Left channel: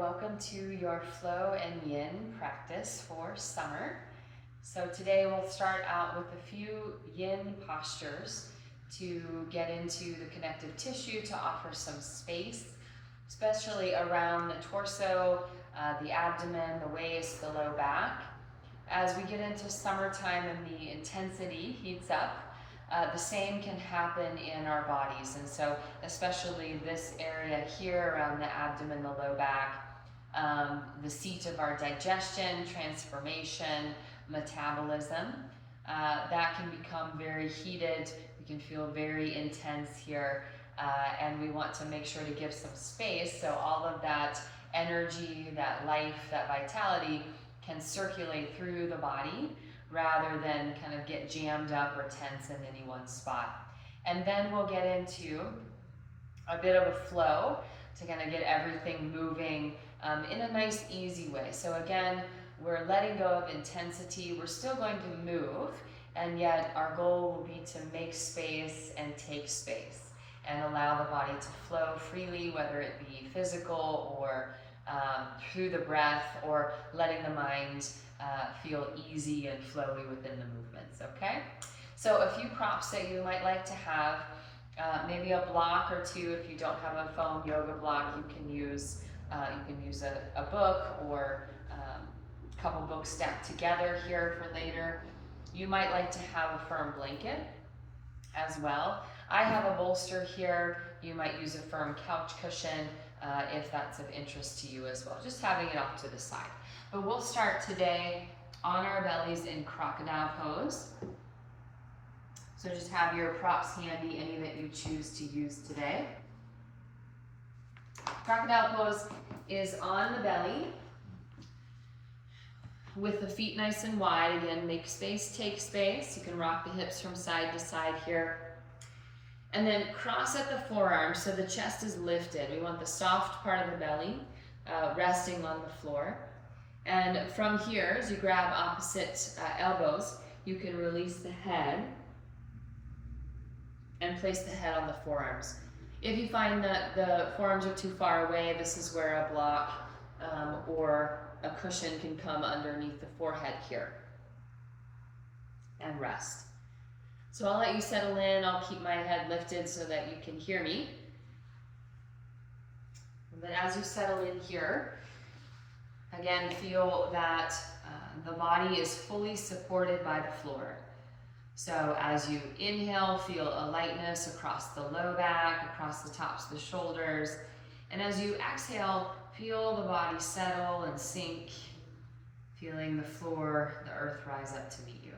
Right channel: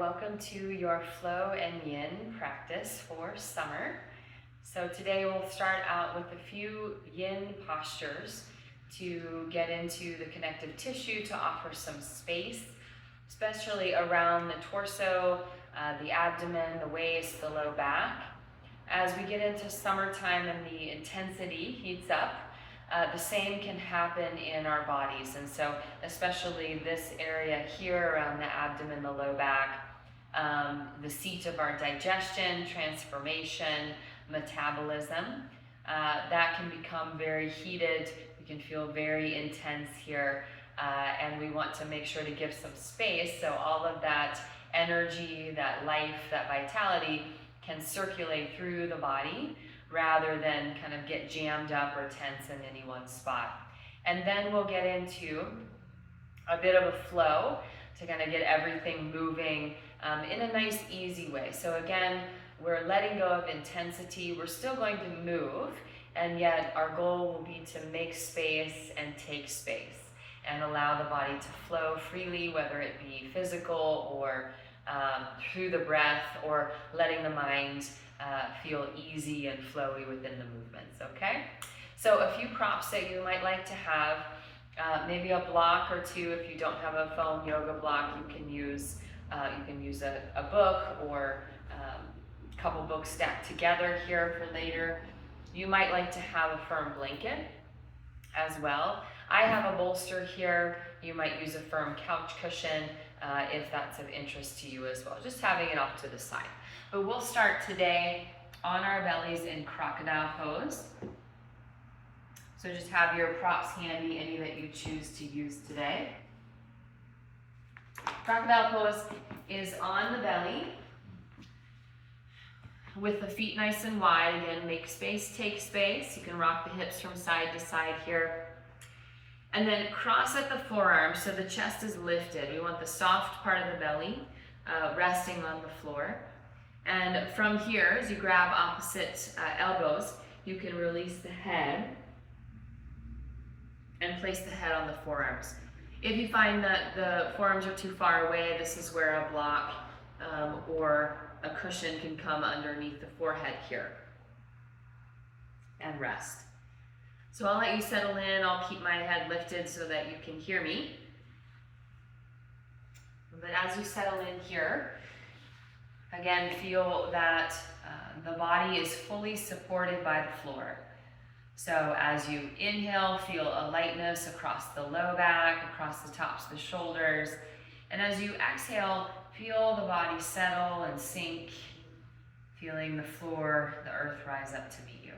welcome to your flow and yin practice for summer. So today we'll start out with a few yin postures to get into the connective tissue, to offer some space, especially around the torso, the abdomen, the waist, the low back. As we get into summertime and the intensity heats up, the same can happen in our bodies. And so especially this area here around the abdomen, the low back, the seat of our digestion, transformation, metabolism, that can become very heated. We can feel very intense here. And we want to make sure to give some space so all of that energy, that life, that vitality can circulate through the body rather than kind of get jammed up or tense in any one spot. And then we'll get into a bit of a flow to kind of get everything moving in a nice, easy way. So again, we're letting go of intensity. We're still going to move, and yet our goal will be to make space and take space and allow the body to flow freely, whether it be physical or through the breath, or letting the mind feel easy and flowy within the movements, okay? So a few props that you might like to have, maybe a block or two. If you don't have a foam yoga block, you can use a book or a couple books stacked together here for later. You might like to have a firm blanket as well. I have a bolster here. You might use a firm couch cushion if that's of interest to you as well, just having it off to the side. But we'll start today on our bellies in crocodile pose. So just have your props handy, any that you choose to use today. Crocodile pose is on the belly with the feet nice and wide. Again, make space, take space. You can rock the hips from side to side here. And then cross at the forearms so the chest is lifted. We want the soft part of the belly resting on the floor. And from here, as you grab opposite elbows, you can release the head and place the head on the forearms. If you find that the forearms are too far away, this is where a block or a cushion can come underneath the forehead here and rest. So I'll let you settle in. I'll keep my head lifted so that you can hear me. But as you settle in here, again, feel that the body is fully supported by the floor. So as you inhale, feel a lightness across the low back, across the tops of the shoulders. And as you exhale, feel the body settle and sink, feeling the floor, the earth rise up to meet you.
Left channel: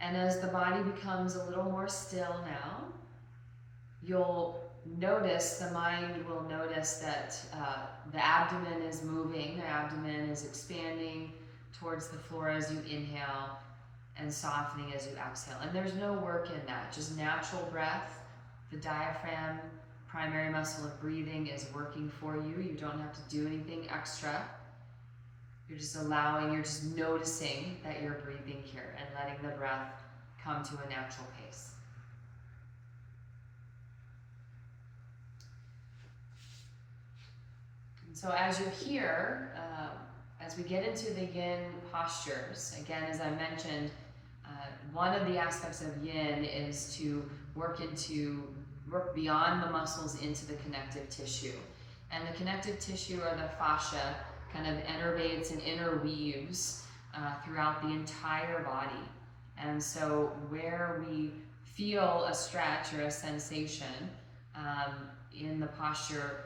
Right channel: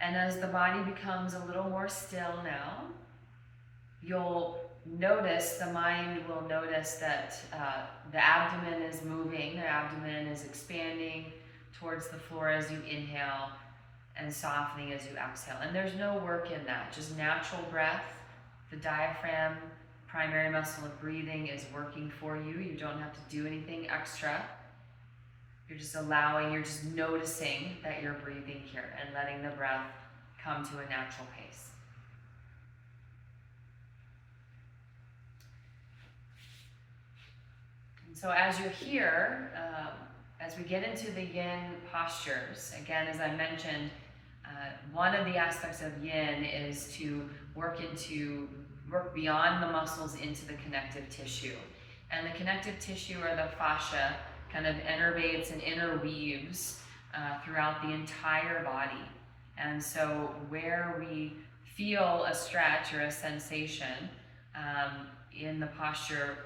And as the body becomes a little more still now, you'll notice, the mind will notice that the abdomen is moving, the abdomen is expanding towards the floor as you inhale and softening as you exhale. And there's no work in that, just natural breath. The diaphragm, primary muscle of breathing, is working for you. You don't have to do anything extra. You're just noticing that you're breathing here and letting the breath come to a natural pace. And so as you're here, as we get into the yin postures, again, as I mentioned, one of the aspects of yin is to work beyond the muscles into the connective tissue. And the connective tissue, or the fascia, kind of innervates and interweaves throughout the entire body. And so where we feel a stretch or a sensation in the posture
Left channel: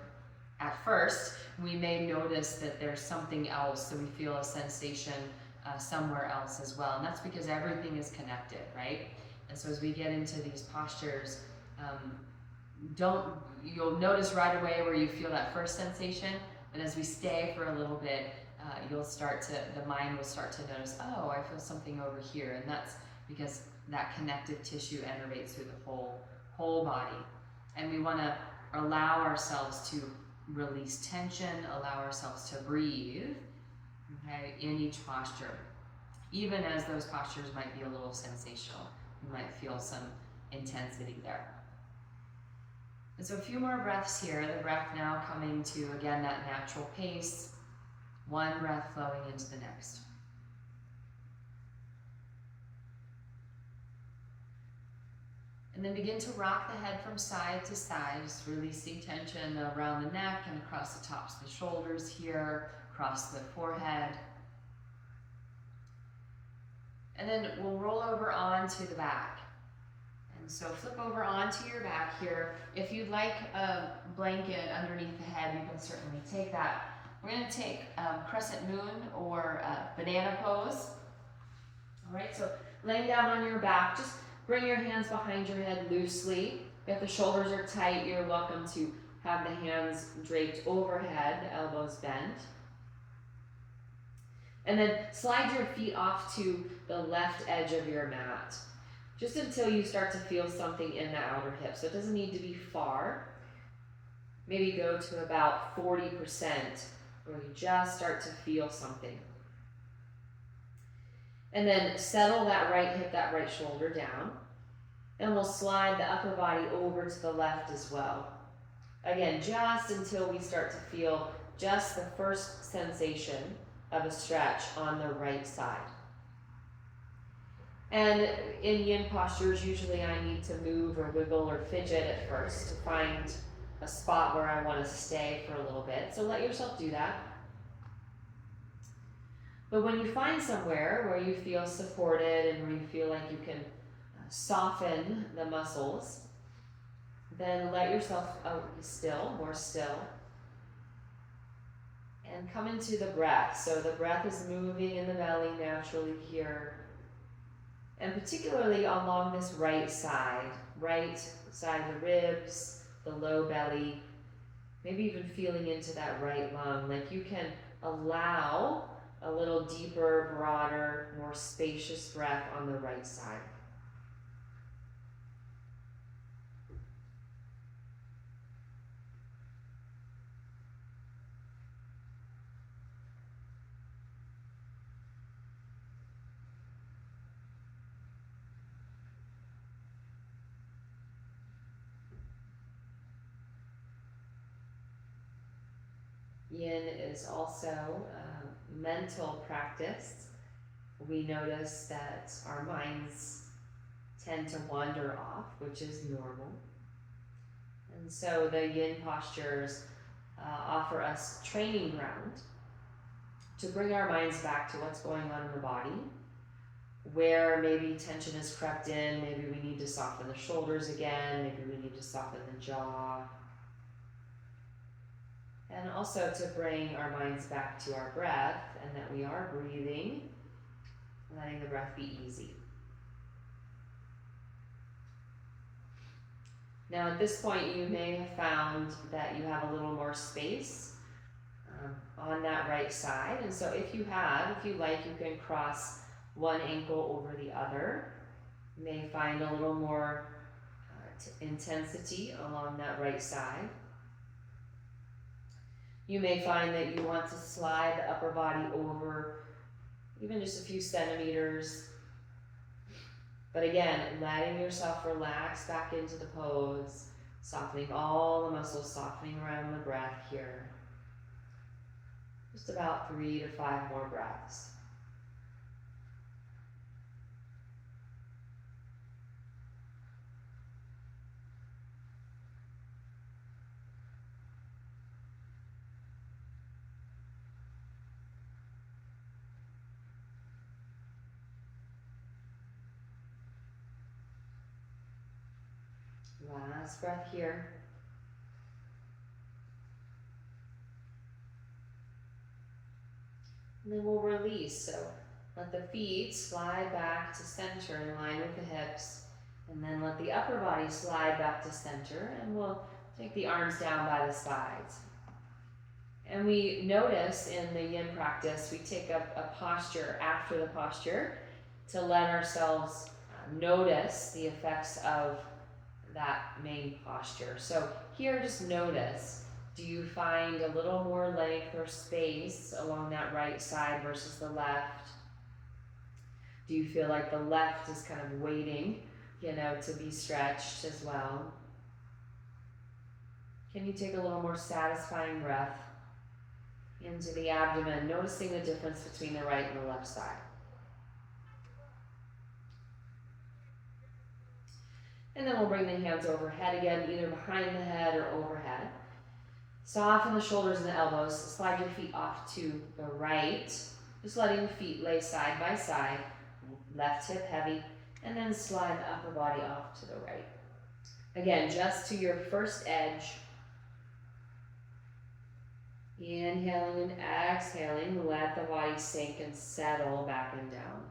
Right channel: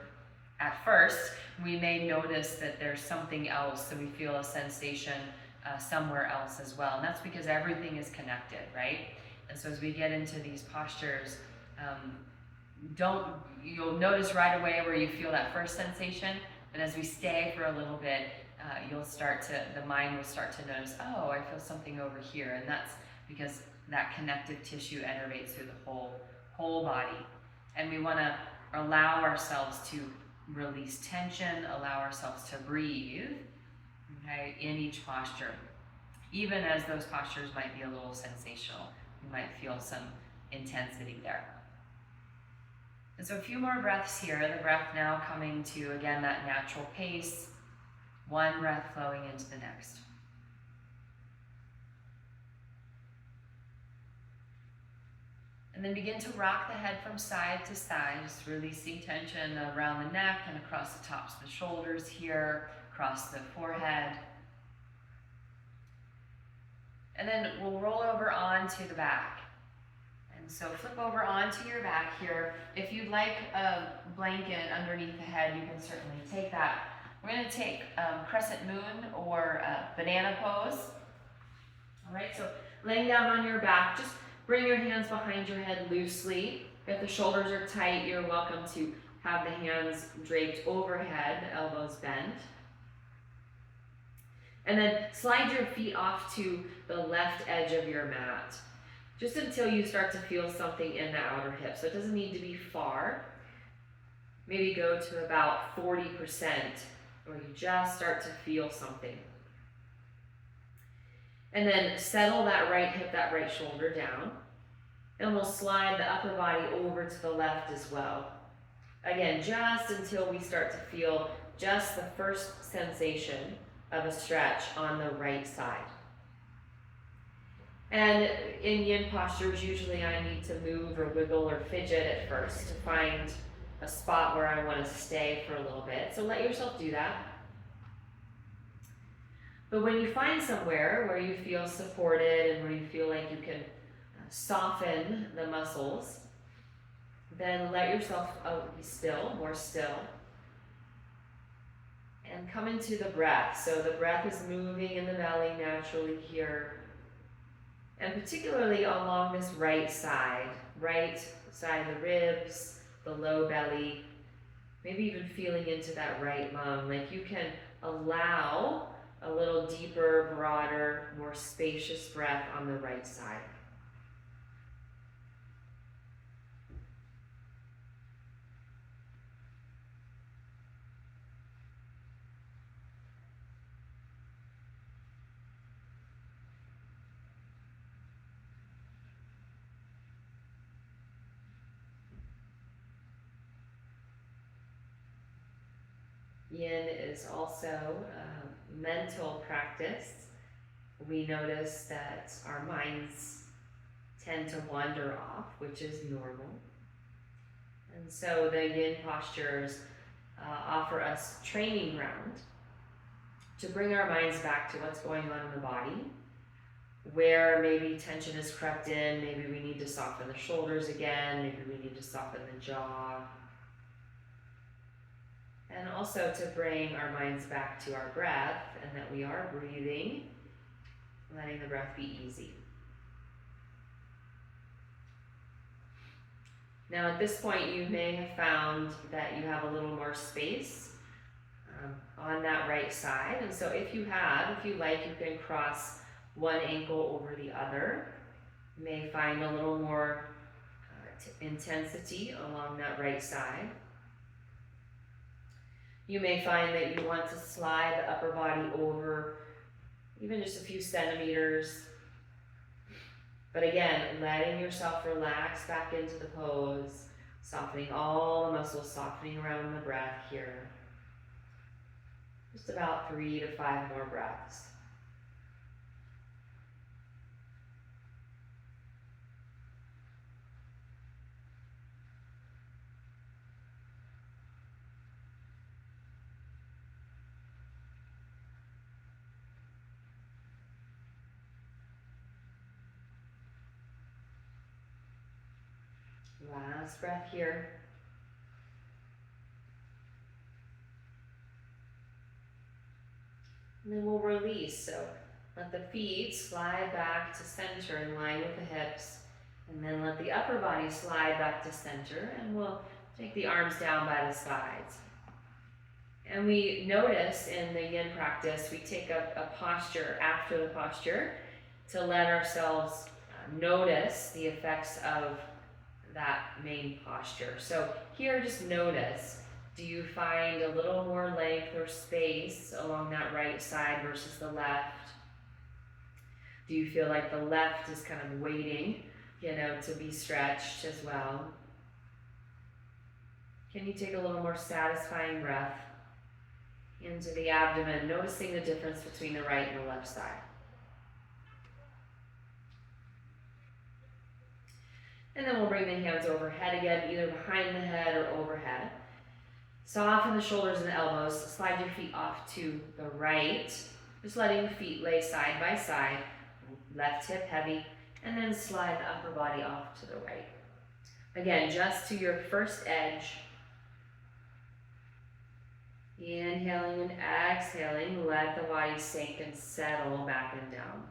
at first, we may notice that there's something else, so we feel a sensation somewhere else as well. And that's because everything is connected, right? And so as we get into these postures, you'll notice right away where you feel that first sensation, but as we stay for a little bit, the mind will start to notice, oh, I feel something over here. And that's because that connective tissue innervates through the whole body. And we want to allow ourselves to release tension, allow ourselves to breathe, okay, in each posture. Even as those postures might be a little sensational, you might feel some intensity there. And so a few more breaths here. The breath now coming to, again, that natural pace. One breath flowing into the next. And then begin to rock the head from side to side, just releasing tension around the neck and across the tops of the shoulders here, across the forehead. And then we'll roll over onto the back. And so flip over onto your back here. If you'd like a blanket underneath the head, you can certainly take that. We're going to take crescent moon or banana pose. All right, so laying down on your back, just bring your hands behind your head loosely. If the shoulders are tight, you're welcome to have the hands draped overhead, the elbows bent. And then slide your feet off to the left edge of your mat, just until you start to feel something in the outer hip. So it doesn't need to be far. Maybe go to about 40%, where you just start to feel something. And then settle that right hip, that right shoulder down. And we'll slide the upper body over to the left as well. Again, just until we start to feel just the first sensation of a stretch on the right side. And in yin postures, usually I need to move or wiggle or fidget at first to find a spot where I want to stay for a little bit. So let yourself do that. But when you find somewhere where you feel supported and where you feel like you can soften the muscles, then let yourself be still, more still. And come into the breath. So the breath is moving in the belly naturally here. And particularly along this right side of the ribs, the low belly, maybe even feeling into that right lung. Like you can allow a little deeper, broader, more spacious breath on the right side. Yin is also a mental practice. We notice that our minds tend to wander off, which is normal. And so the yin postures offer us training ground to bring our minds back to what's going on in the body, where maybe tension has crept in, maybe we need to soften the shoulders again, maybe we need to soften the jaw. And also to bring our minds back to our breath and that we are breathing, letting the breath be easy. Now at this point you may have found that you have a little more space on that right side. And so if you like, you can cross one ankle over the other. You may find a little more intensity along that right side. You may find that you want to slide the upper body over even just a few centimeters. But again, letting yourself relax back into the pose, softening all the muscles, softening around the breath here. Just about 3 to 5 more breaths. Last breath here. And then we'll release. So let the feet slide back to center in line with the hips. And then let the upper body slide back to center. And we'll take the arms down by the sides. And we notice in the yin practice, we take a posture after the posture to let ourselves notice the effects of that main posture. So here, just notice, do you find a little more length or space along that right side versus the left? Do you feel like the left is kind of waiting, to be stretched as well? Can you take a little more satisfying breath into the abdomen, noticing the difference between the right and the left side? And then we'll bring the hands overhead again, either behind the head or overhead. Soften the shoulders and the elbows. Slide your feet off to the right. Just letting the feet lay side by side. Left hip heavy. And then slide the upper body off to the right. Again, just to your first edge. Inhaling and exhaling. Let the body sink and settle back and down.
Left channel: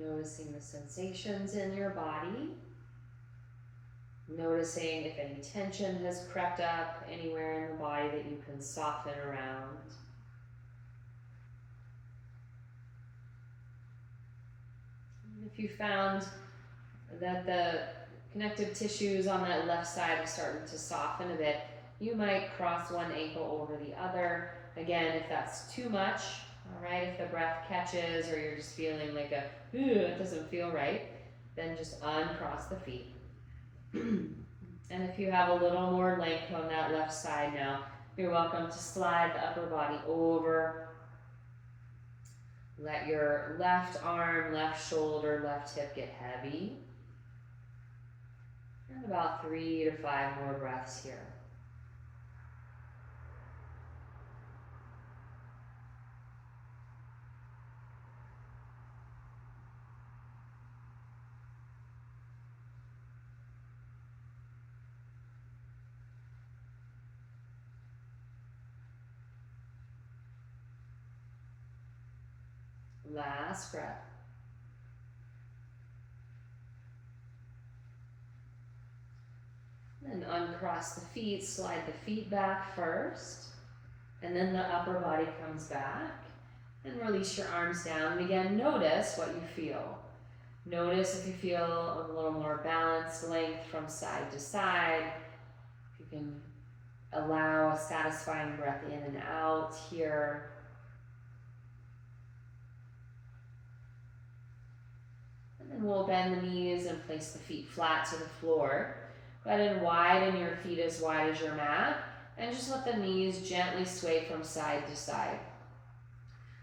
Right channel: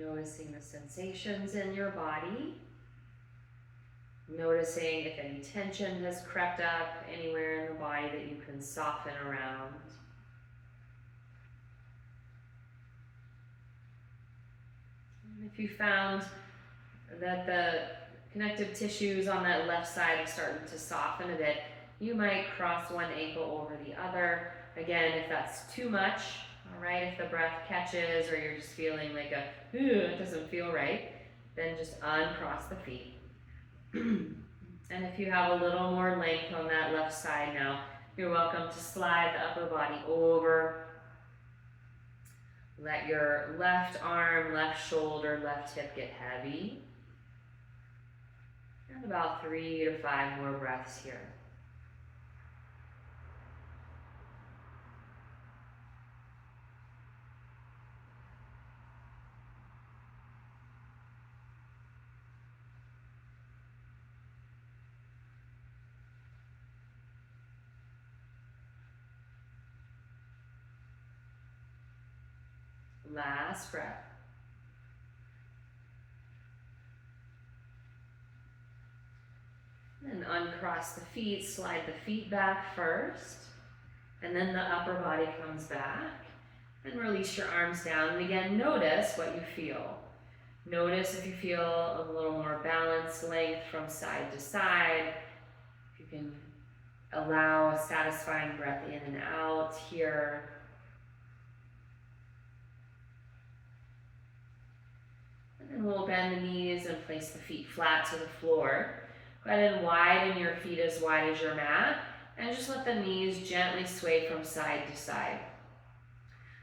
Noticing the sensations in your body. Noticing if any tension has crept up anywhere in the body that you can soften around. And if you found that the connective tissues on that left side are starting to soften a bit, you might cross one ankle over the other. Again, if that's too much, all right, if the breath catches or you're just feeling like it doesn't feel right, then just uncross the feet. And if you have a little more length on that left side now, you're welcome to slide the upper body over. Let your left arm, left shoulder, left hip get heavy. And about 3 to 5 more breaths here. Last breath. And uncross the feet, slide the feet back first, and then the upper body comes back, and release your arms down. And again, notice what you feel. Notice if you feel a little more balance, length from side to side. If you can allow a satisfying breath in and out here. And then we'll bend the knees and place the feet flat to the floor. Go ahead and widen your feet as wide as your mat, and just let the knees gently sway from side to side.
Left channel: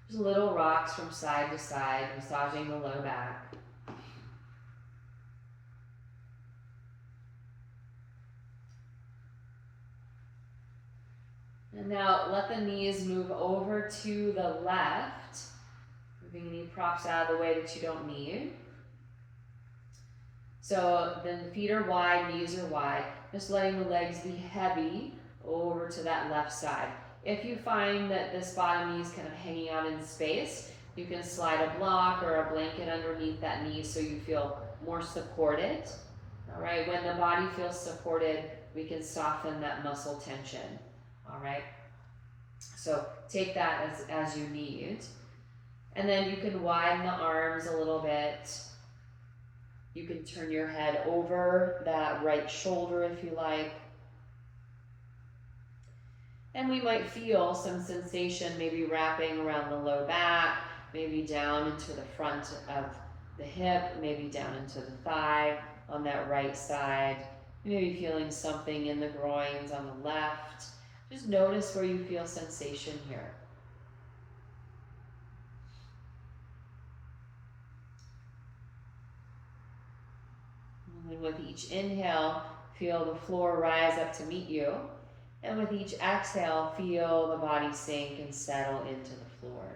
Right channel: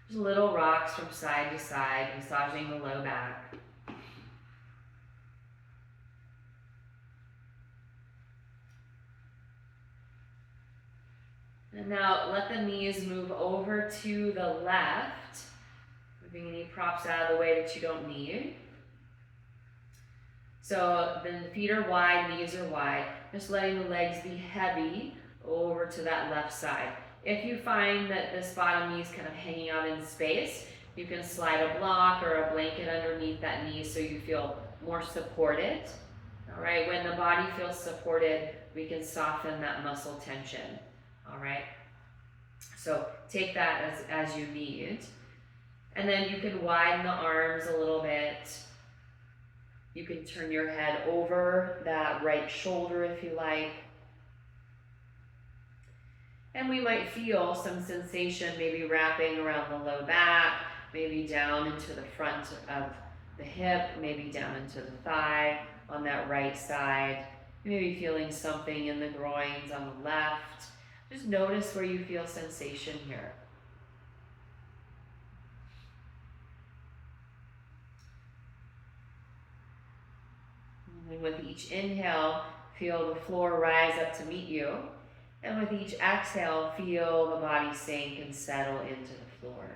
Just little rocks from side to side, massaging the low back. And now let the knees move over to the left, moving any props out of the way that you don't need. So the feet are wide, knees are wide, just letting the legs be heavy over to that left side. If you find that this bottom knee is kind of hanging out in space, you can slide a block or a blanket underneath that knee so you feel more supported. All right, when the body feels supported, we can soften that muscle tension. All right, so take that as you need. And then you can widen the arms a little bit. You can turn your head over that right shoulder if you like. And we might feel some sensation maybe wrapping around the low back, maybe down into the front of the hip, maybe down into the thigh on that right side. Maybe feeling something in the groins on the left. Just notice where you feel sensation here. And with each inhale, feel the floor rise up to meet you. And with each exhale, feel the body sink and settle into the floor.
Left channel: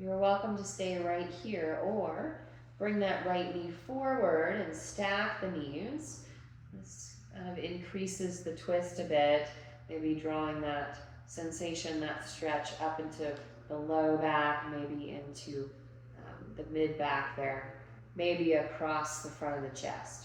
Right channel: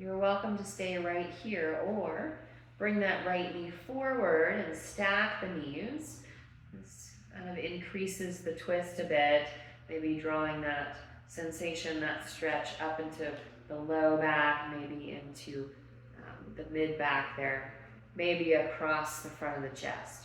You're welcome to stay right here, or bring that right knee forward and stack the knees. This kind of increases the twist a bit, maybe drawing that sensation, that stretch up into the low back, maybe into the mid back there, maybe across the front of the chest.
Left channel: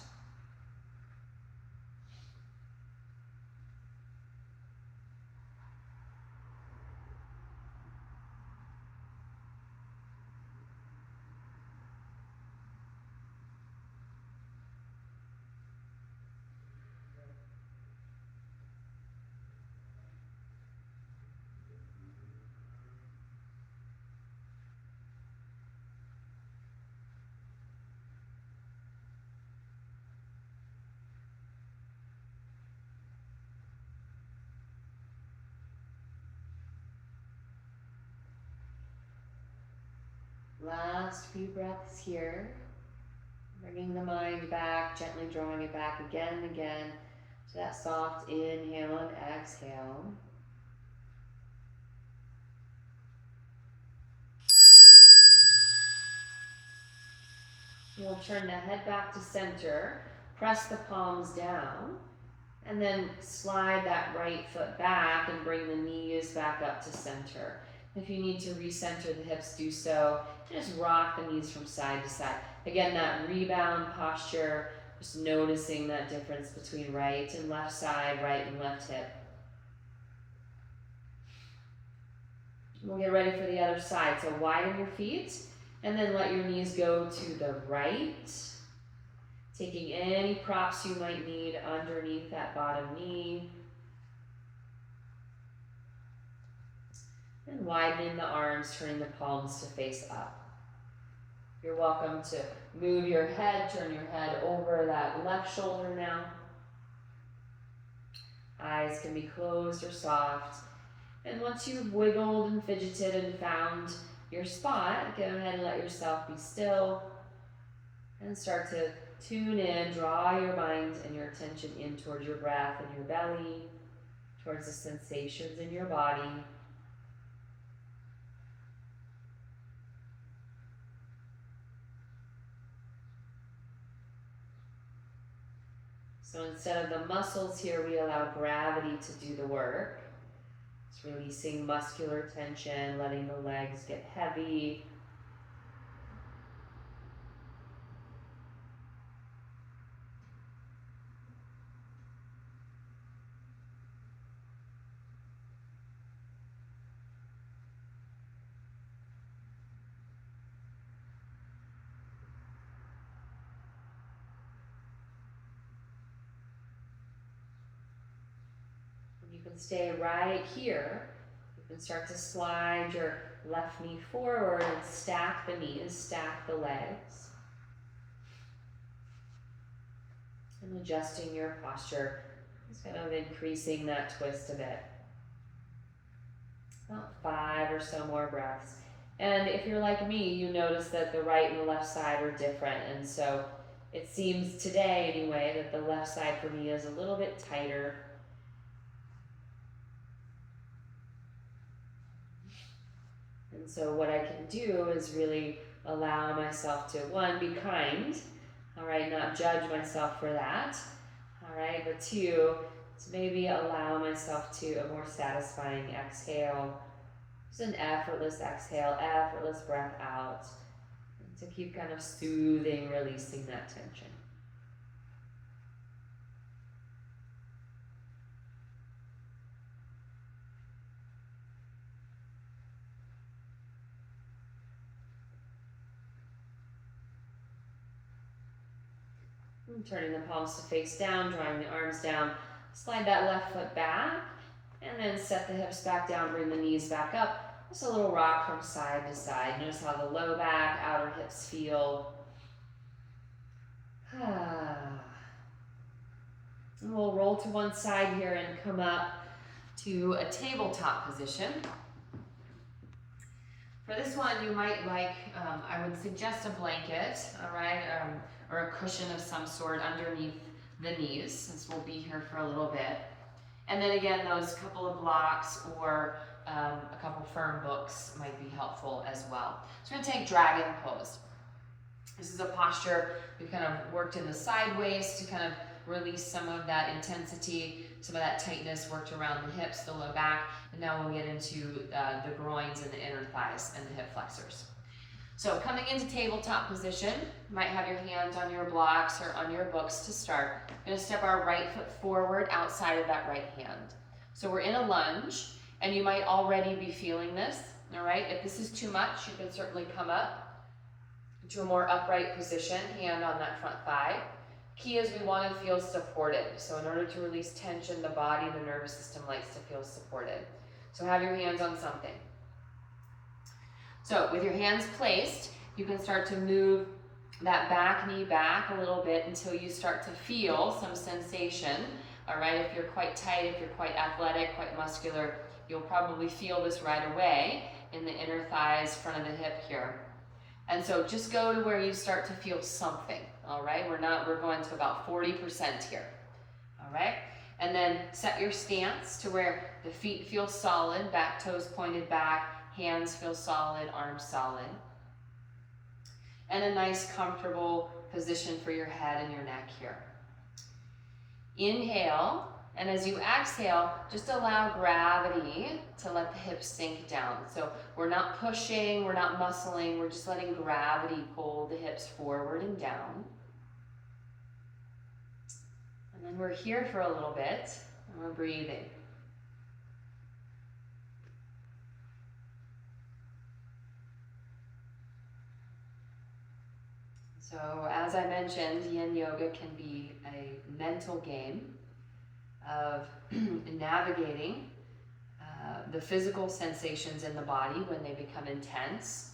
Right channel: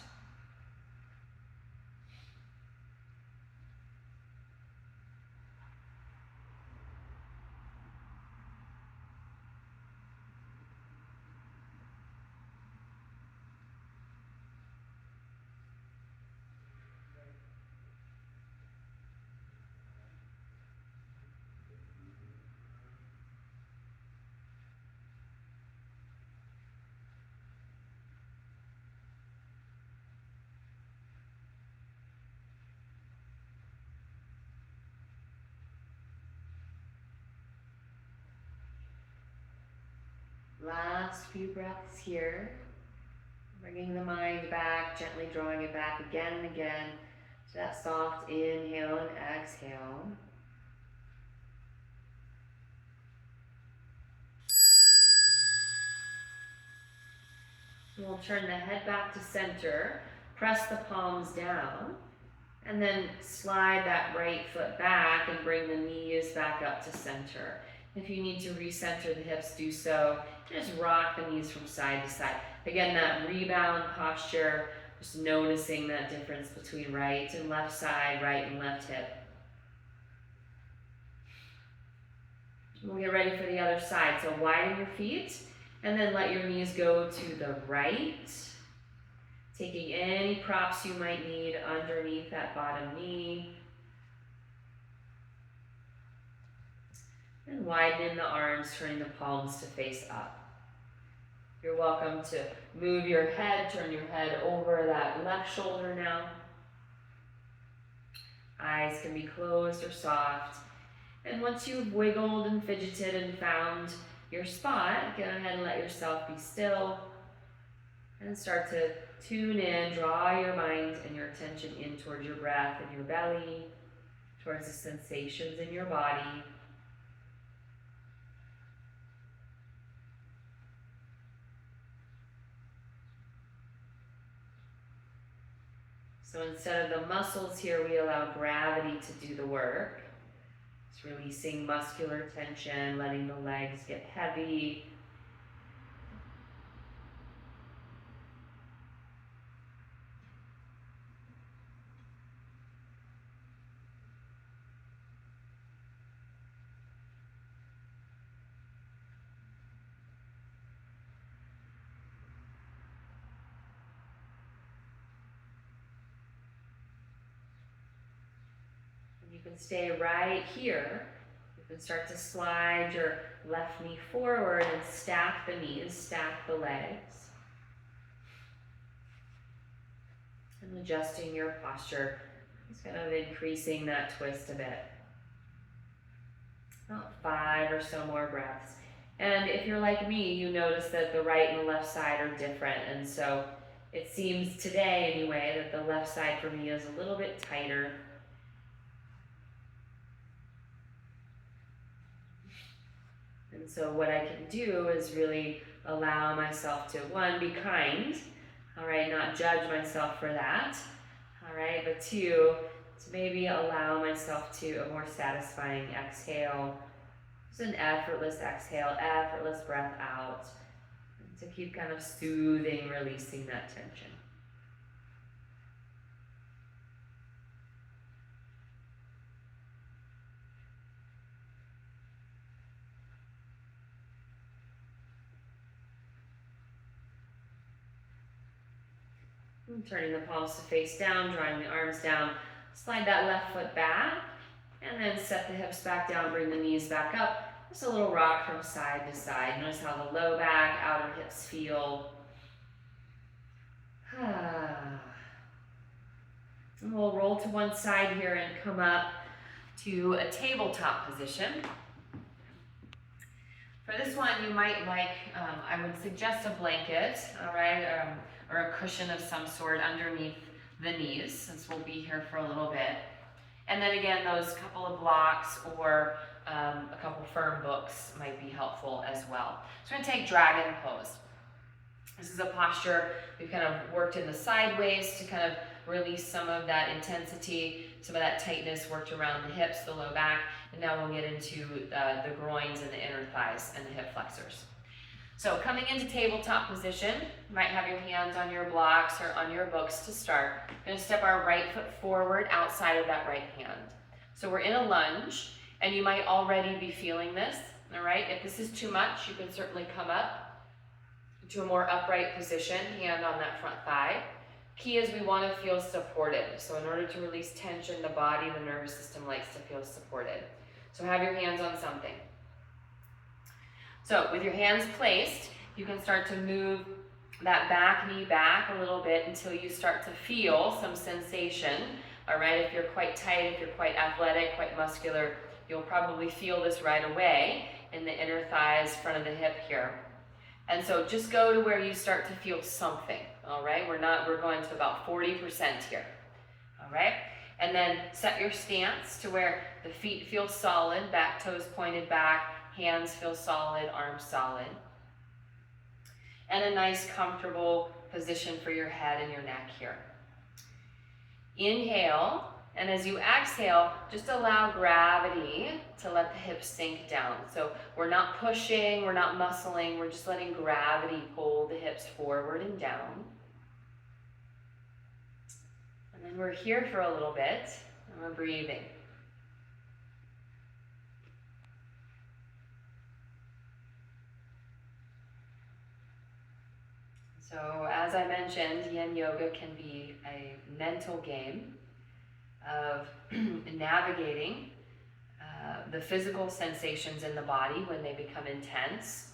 Last few breaths here. Bringing the mind back, gently drawing it back again and again to that soft inhale and exhale. We'll turn the head back to center, press the palms down, and then slide that right foot back and bring the knees back up to center. If you need to recenter the hips, do so. Just rock the knees from side to side. Again, that rebound posture, just noticing that difference between right and left side, right and left hip. We'll get ready for the other side. So widen your feet and then let your knees go to the right. Taking any props you might need underneath that bottom knee. And widen the arms, turning the palms to face up. You're welcome to move your head, turn your head over that left shoulder now. Eyes can be closed or soft. And once you've wiggled and fidgeted and found your spot, go ahead and let yourself be still. And start to tune in, draw your mind and your attention in towards your breath and your belly, towards the sensations in your body. So instead of the muscles here, we allow gravity to do the work. It's releasing muscular tension, letting the legs get heavy. You can stay right here. You can start to slide your left knee forward and stack the knees, stack the legs. And adjusting your posture, just kind of increasing that twist a bit. About 5 or so more breaths. And if you're like me, you notice that the right and the left side are different. And so it seems today anyway that the left side for me is a little bit tighter. And so what I can do is really allow myself to, one, be kind, all right, not judge myself for that, all right, but two, to maybe allow myself to a more satisfying exhale, just an effortless exhale, effortless breath out, to keep kind of soothing, releasing that tension. And turning the palms to face down, drawing the arms down, slide that left foot back, and then set the hips back down, bring the knees back up. Just a little rock from side to side. Notice how the low back, outer hips feel. And we'll roll to one side here and come up to a tabletop position. For this one, you might like, I would suggest a blanket, all right, or a cushion of some sort underneath the knees, since we'll be here for a little bit. And then again, those couple of blocks or a couple firm books might be helpful as well. So we're gonna take dragon pose. This is a posture we've kind of worked in the sideways to kind of release some of that intensity, some of that tightness worked around the hips, the low back, and now we'll get into the groins and the inner thighs and the hip flexors. So coming into tabletop position, you might have your hands on your blocks or on your books to start. We're gonna step our right foot forward outside of that right hand. So we're in a lunge, and you might already be feeling this, all right? If this is too much, you can certainly come up to a more upright position, hand on that front thigh. Key is we want to feel supported. So in order to release tension, the body, the nervous system likes to feel supported. So have your hands on something. So with your hands placed, you can start to move that back knee back a little bit until you start to feel some sensation. All right, if you're quite tight, if you're quite athletic, quite muscular, you'll probably feel this right away in the inner thighs, front of the hip here. And so just go to where you start to feel something, all right? We're going to about 40% here, all right? And then set your stance to where the feet feel solid, back toes pointed back, hands feel solid, arms solid. And a nice comfortable position for your head and your neck here. Inhale, and as you exhale, just allow gravity to let the hips sink down. So we're not pushing, we're not muscling, we're just letting gravity pull the hips forward and down. And then we're here for a little bit, and we're breathing. So as I mentioned, yin yoga can be a mental game of navigating the physical sensations in the body when they become intense.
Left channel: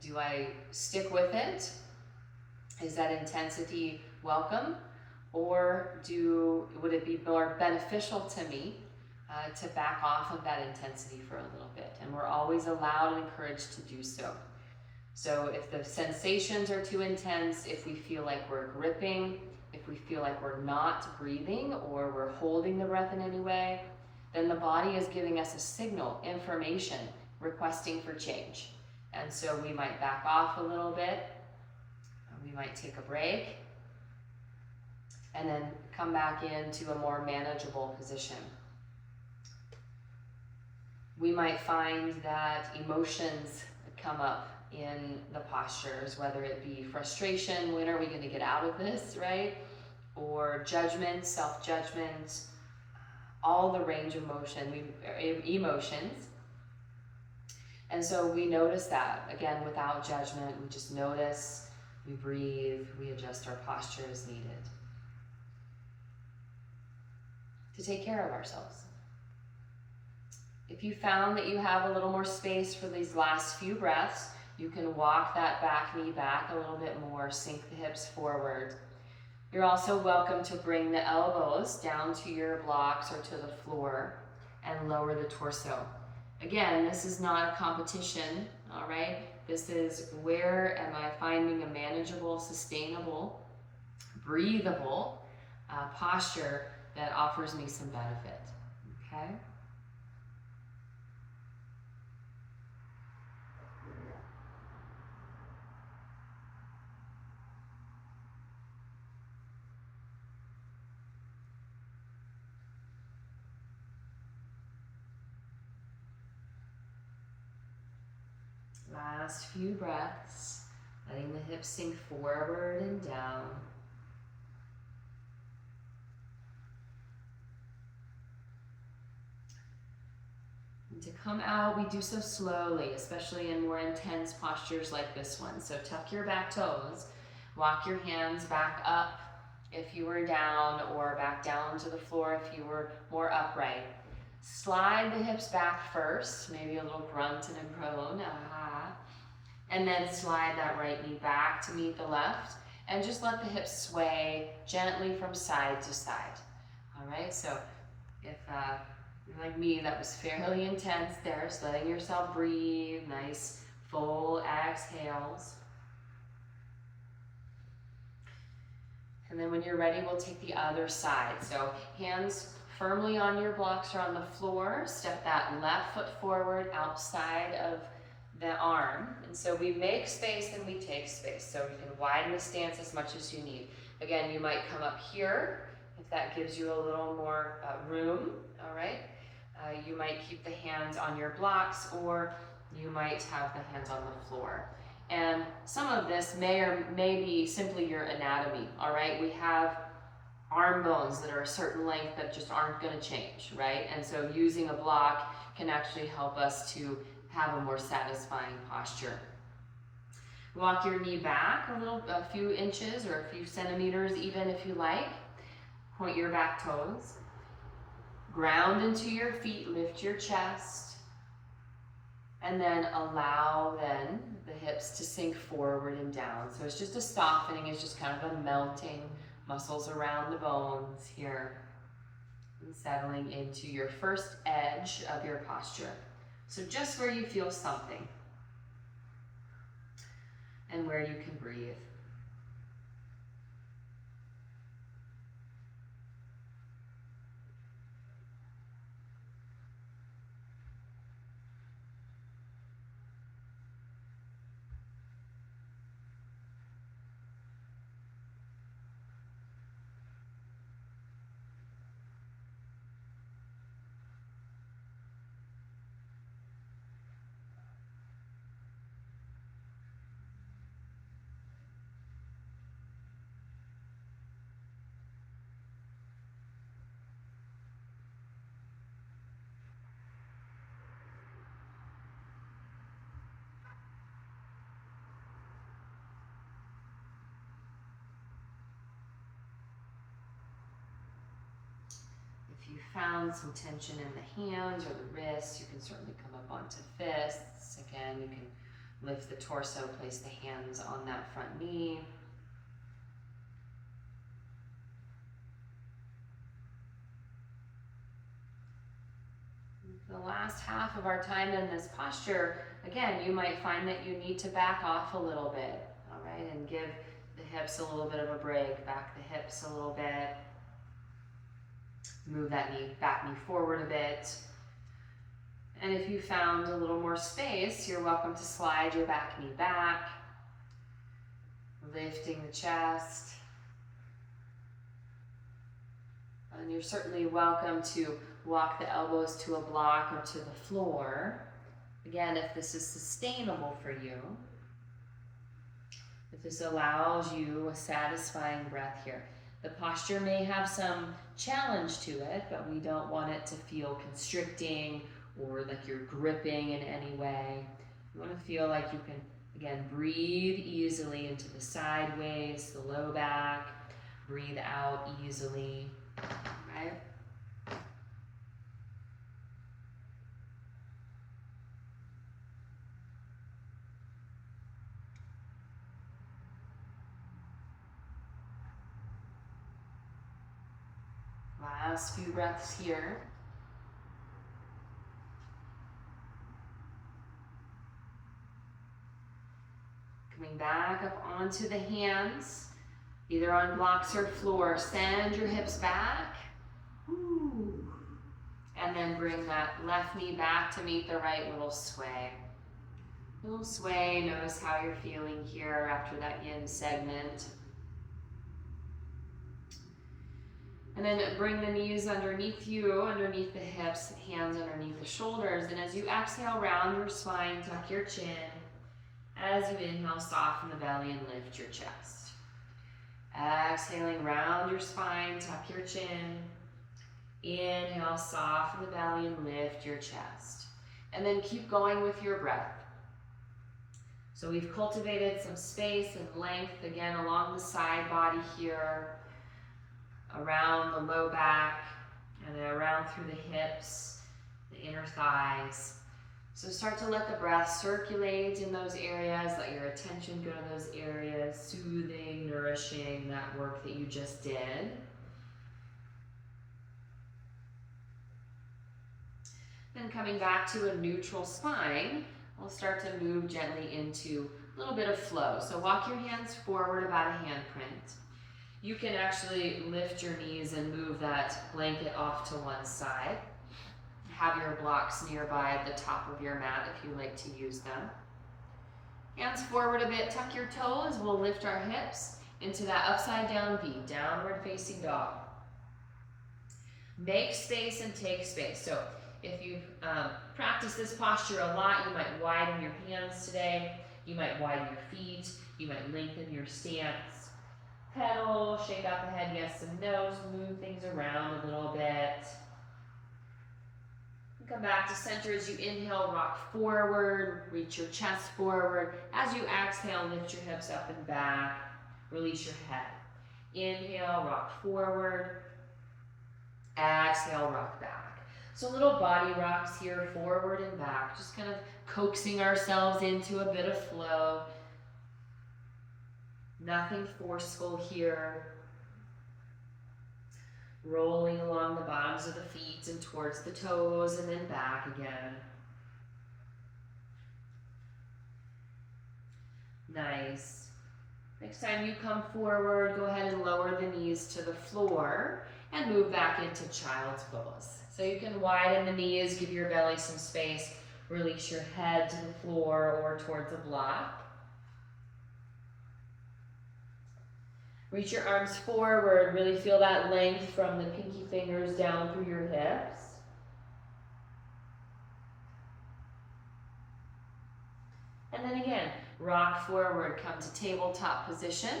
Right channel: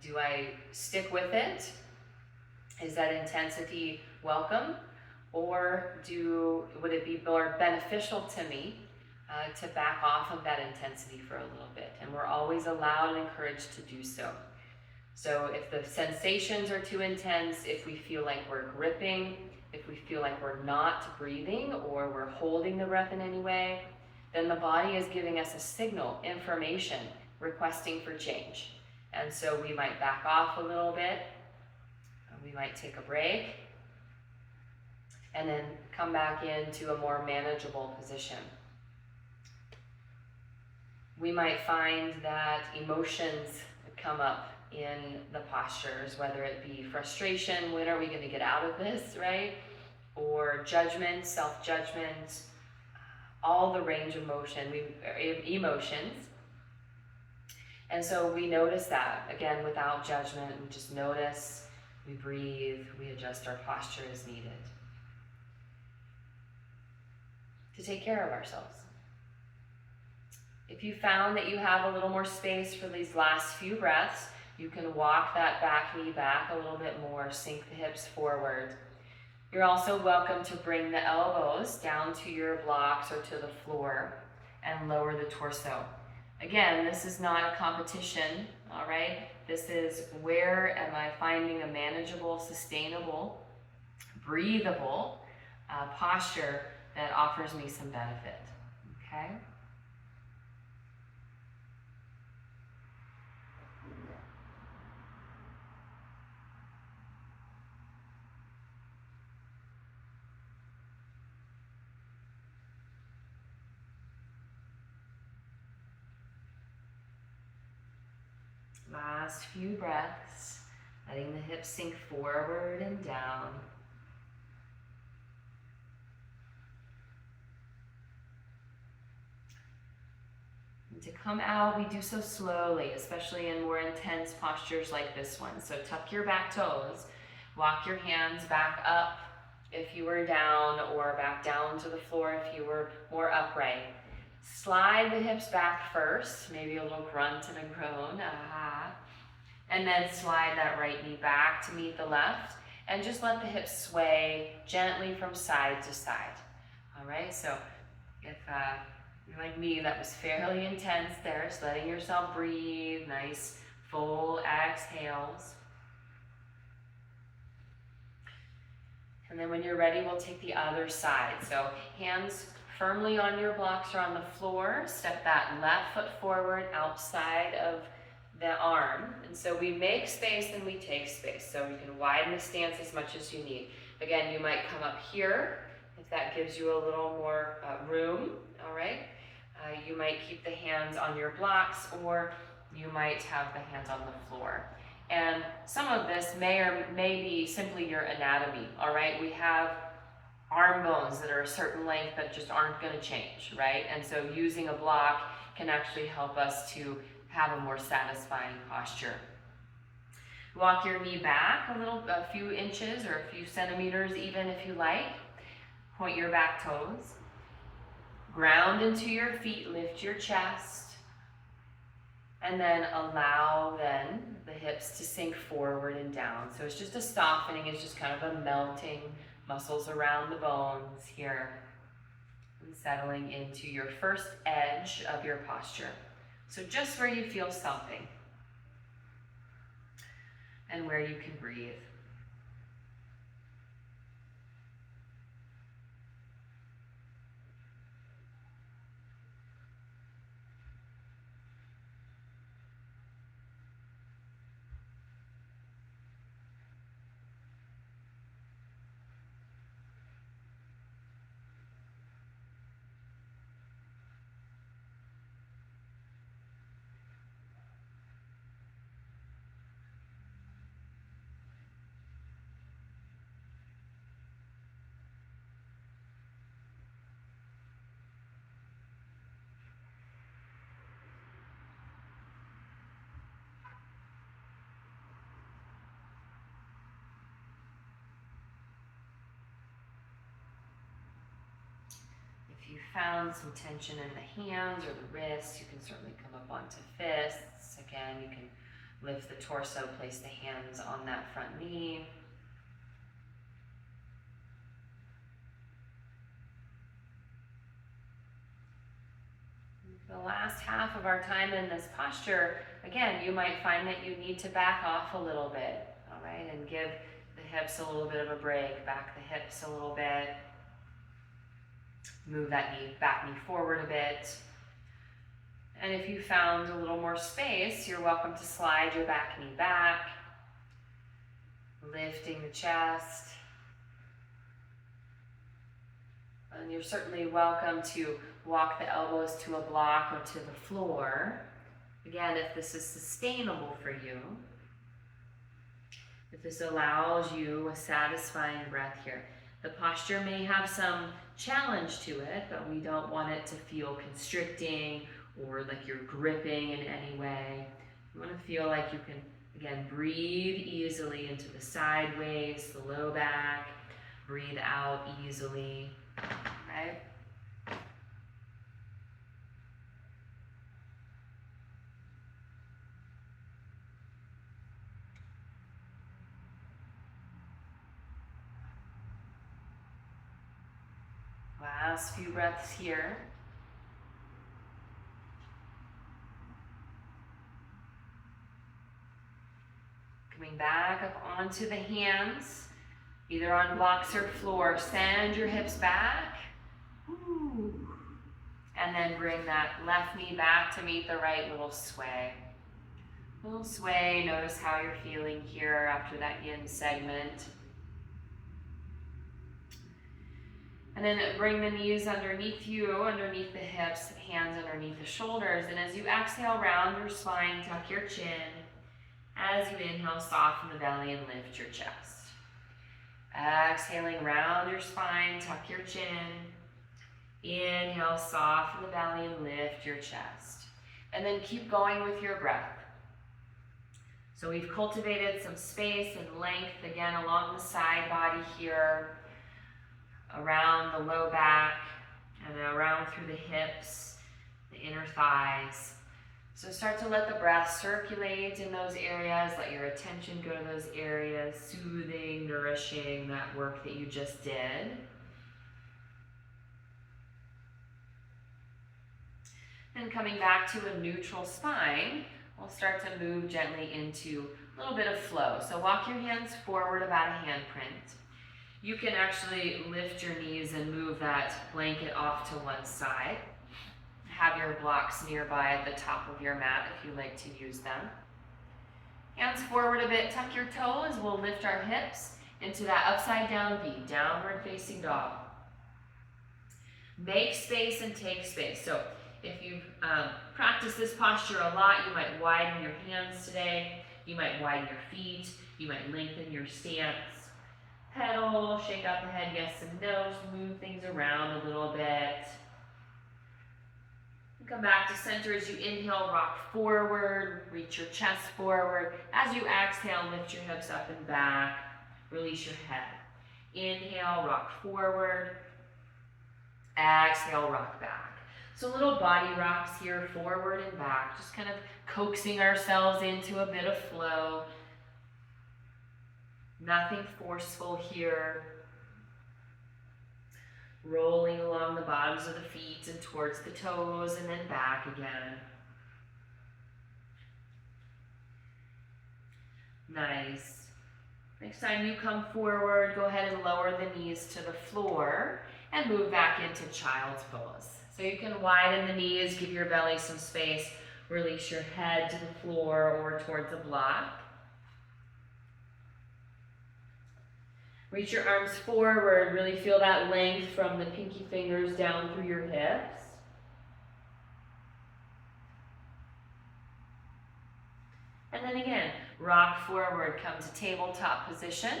Do I stick with it? Is that intensity welcome? Or would it be more beneficial to me to back off of that intensity for a little bit? And we're always allowed and encouraged to do so. So if the sensations are too intense, if we feel like we're gripping, if we feel like we're not breathing or we're holding the breath in any way, then the body is giving us a signal, information, requesting for change. And so we might back off a little bit, we might take a break, and then come back into a more manageable position. We might find that emotions come up in the postures, whether it be frustration, when are we going to get out of this, right? Or judgment, self-judgment, all the range of emotions. And so we notice that, again, without judgment, we just notice, we breathe, we adjust our posture as needed to take care of ourselves. If you found that you have a little more space for these last few breaths, you can walk that back knee back a little bit more, sink the hips forward. You're also welcome to bring the elbows down to your blocks or to the floor and lower the torso. Again, this is not a competition, all right? This is where am I finding a manageable, sustainable, breathable posture that offers me some benefit, okay? Last few breaths, letting the hips sink forward and down. And to come out, we do so slowly, especially in more intense postures like this one. So tuck your back toes, walk your hands back up if you were down, or back down to the floor if you were more upright. Slide the hips back first, maybe a little grunt and a groan, and then slide that right knee back to meet the left, and just let the hips sway gently from side to side. All right, so if you're like me, that was fairly intense there, so letting yourself breathe, nice full exhales. And then when you're ready, we'll take the other side. So hands firmly on your blocks or on the floor. Step that left foot forward outside of the arm. And so we make space and we take space. So you can widen the stance as much as you need. Again, you might come up here if that gives you a little more room, all right? You might keep the hands on your blocks, or you might have the hands on the floor. And some of this may be simply your anatomy, all right? We have arm bones that are a certain length that just aren't going to change, right? And so using a block can actually help us to have a more satisfying posture. Walk your knee back a few inches or a few centimeters even if you like. Point your back toes. Ground into your feet, lift your chest. And then allow the hips to sink forward and down. So it's just a softening, it's just kind of a melting, muscles around the bones here. And settling into your first edge of your posture. So just where you feel something. And where you can breathe. If you found some tension in the hands or the wrists, you can certainly come up onto fists. Again, you can lift the torso, place the hands on that front knee. The last half of our time in this posture, again, you might find that you need to back off a little bit, all right, and give the hips a little bit of a break, back the hips a little bit. Move that back knee forward a bit. And if you found a little more space, you're welcome to slide your back knee back, lifting the chest. And you're certainly welcome to walk the elbows to a block or to the floor. Again, if this is sustainable for you, if this allows you a satisfying breath here. The posture may have some challenge to it, but we don't want it to feel constricting or like you're gripping in any way. You want to feel like you can, again, breathe easily into the sideways, the low back. Breathe out easily, okay? Last few breaths here. Coming back up onto the hands, either on blocks or floor. Send your hips back. Ooh. And then bring that left knee back to meet the right, little sway. Little sway, notice how you're feeling here after that yin segment. And then bring the knees underneath you, underneath the hips, hands underneath the shoulders. And as you exhale, round your spine, tuck your chin. As you inhale, soften the belly and lift your chest. Exhaling, round your spine, tuck your chin. Inhale, soften the belly and lift your chest. And then keep going with your breath. So we've cultivated some space and length, again, along the side body here, around the low back, and then around through the hips, the inner thighs. So start to let the breath circulate in those areas, let your attention go to those areas, soothing, nourishing that work that you just did. Then coming back to a neutral spine, we'll start to move gently into a little bit of flow. So walk your hands forward about a handprint. You can actually lift your knees and move them that blanket off to one side. Have your blocks nearby at the top of your mat if you like to use them. Hands forward a bit, tuck your toes. We'll lift our hips into that upside down V, downward facing dog. Make space and take space. So if you've practiced this posture a lot, you might widen your hands today. You might widen your feet. You might lengthen your stance. Pedal, shake out the head, yes and no. Move things around a little bit. Come back to center as you inhale, rock forward, reach your chest forward. As you exhale, lift your hips up and back, release your head. Inhale, rock forward. Exhale, rock back. So little body rocks here, forward and back, just kind of coaxing ourselves into a bit of flow. Nothing forceful here. Rolling along the bottoms of the feet and towards the toes and then back again. Nice. Next time you come forward, go ahead and lower the knees to the floor and move back into child's pose. So you can widen the knees, give your belly some space, release your head to the floor or towards a block. Reach your arms forward, really feel that length from the pinky fingers down through your hips. And then again, rock forward, come to tabletop position,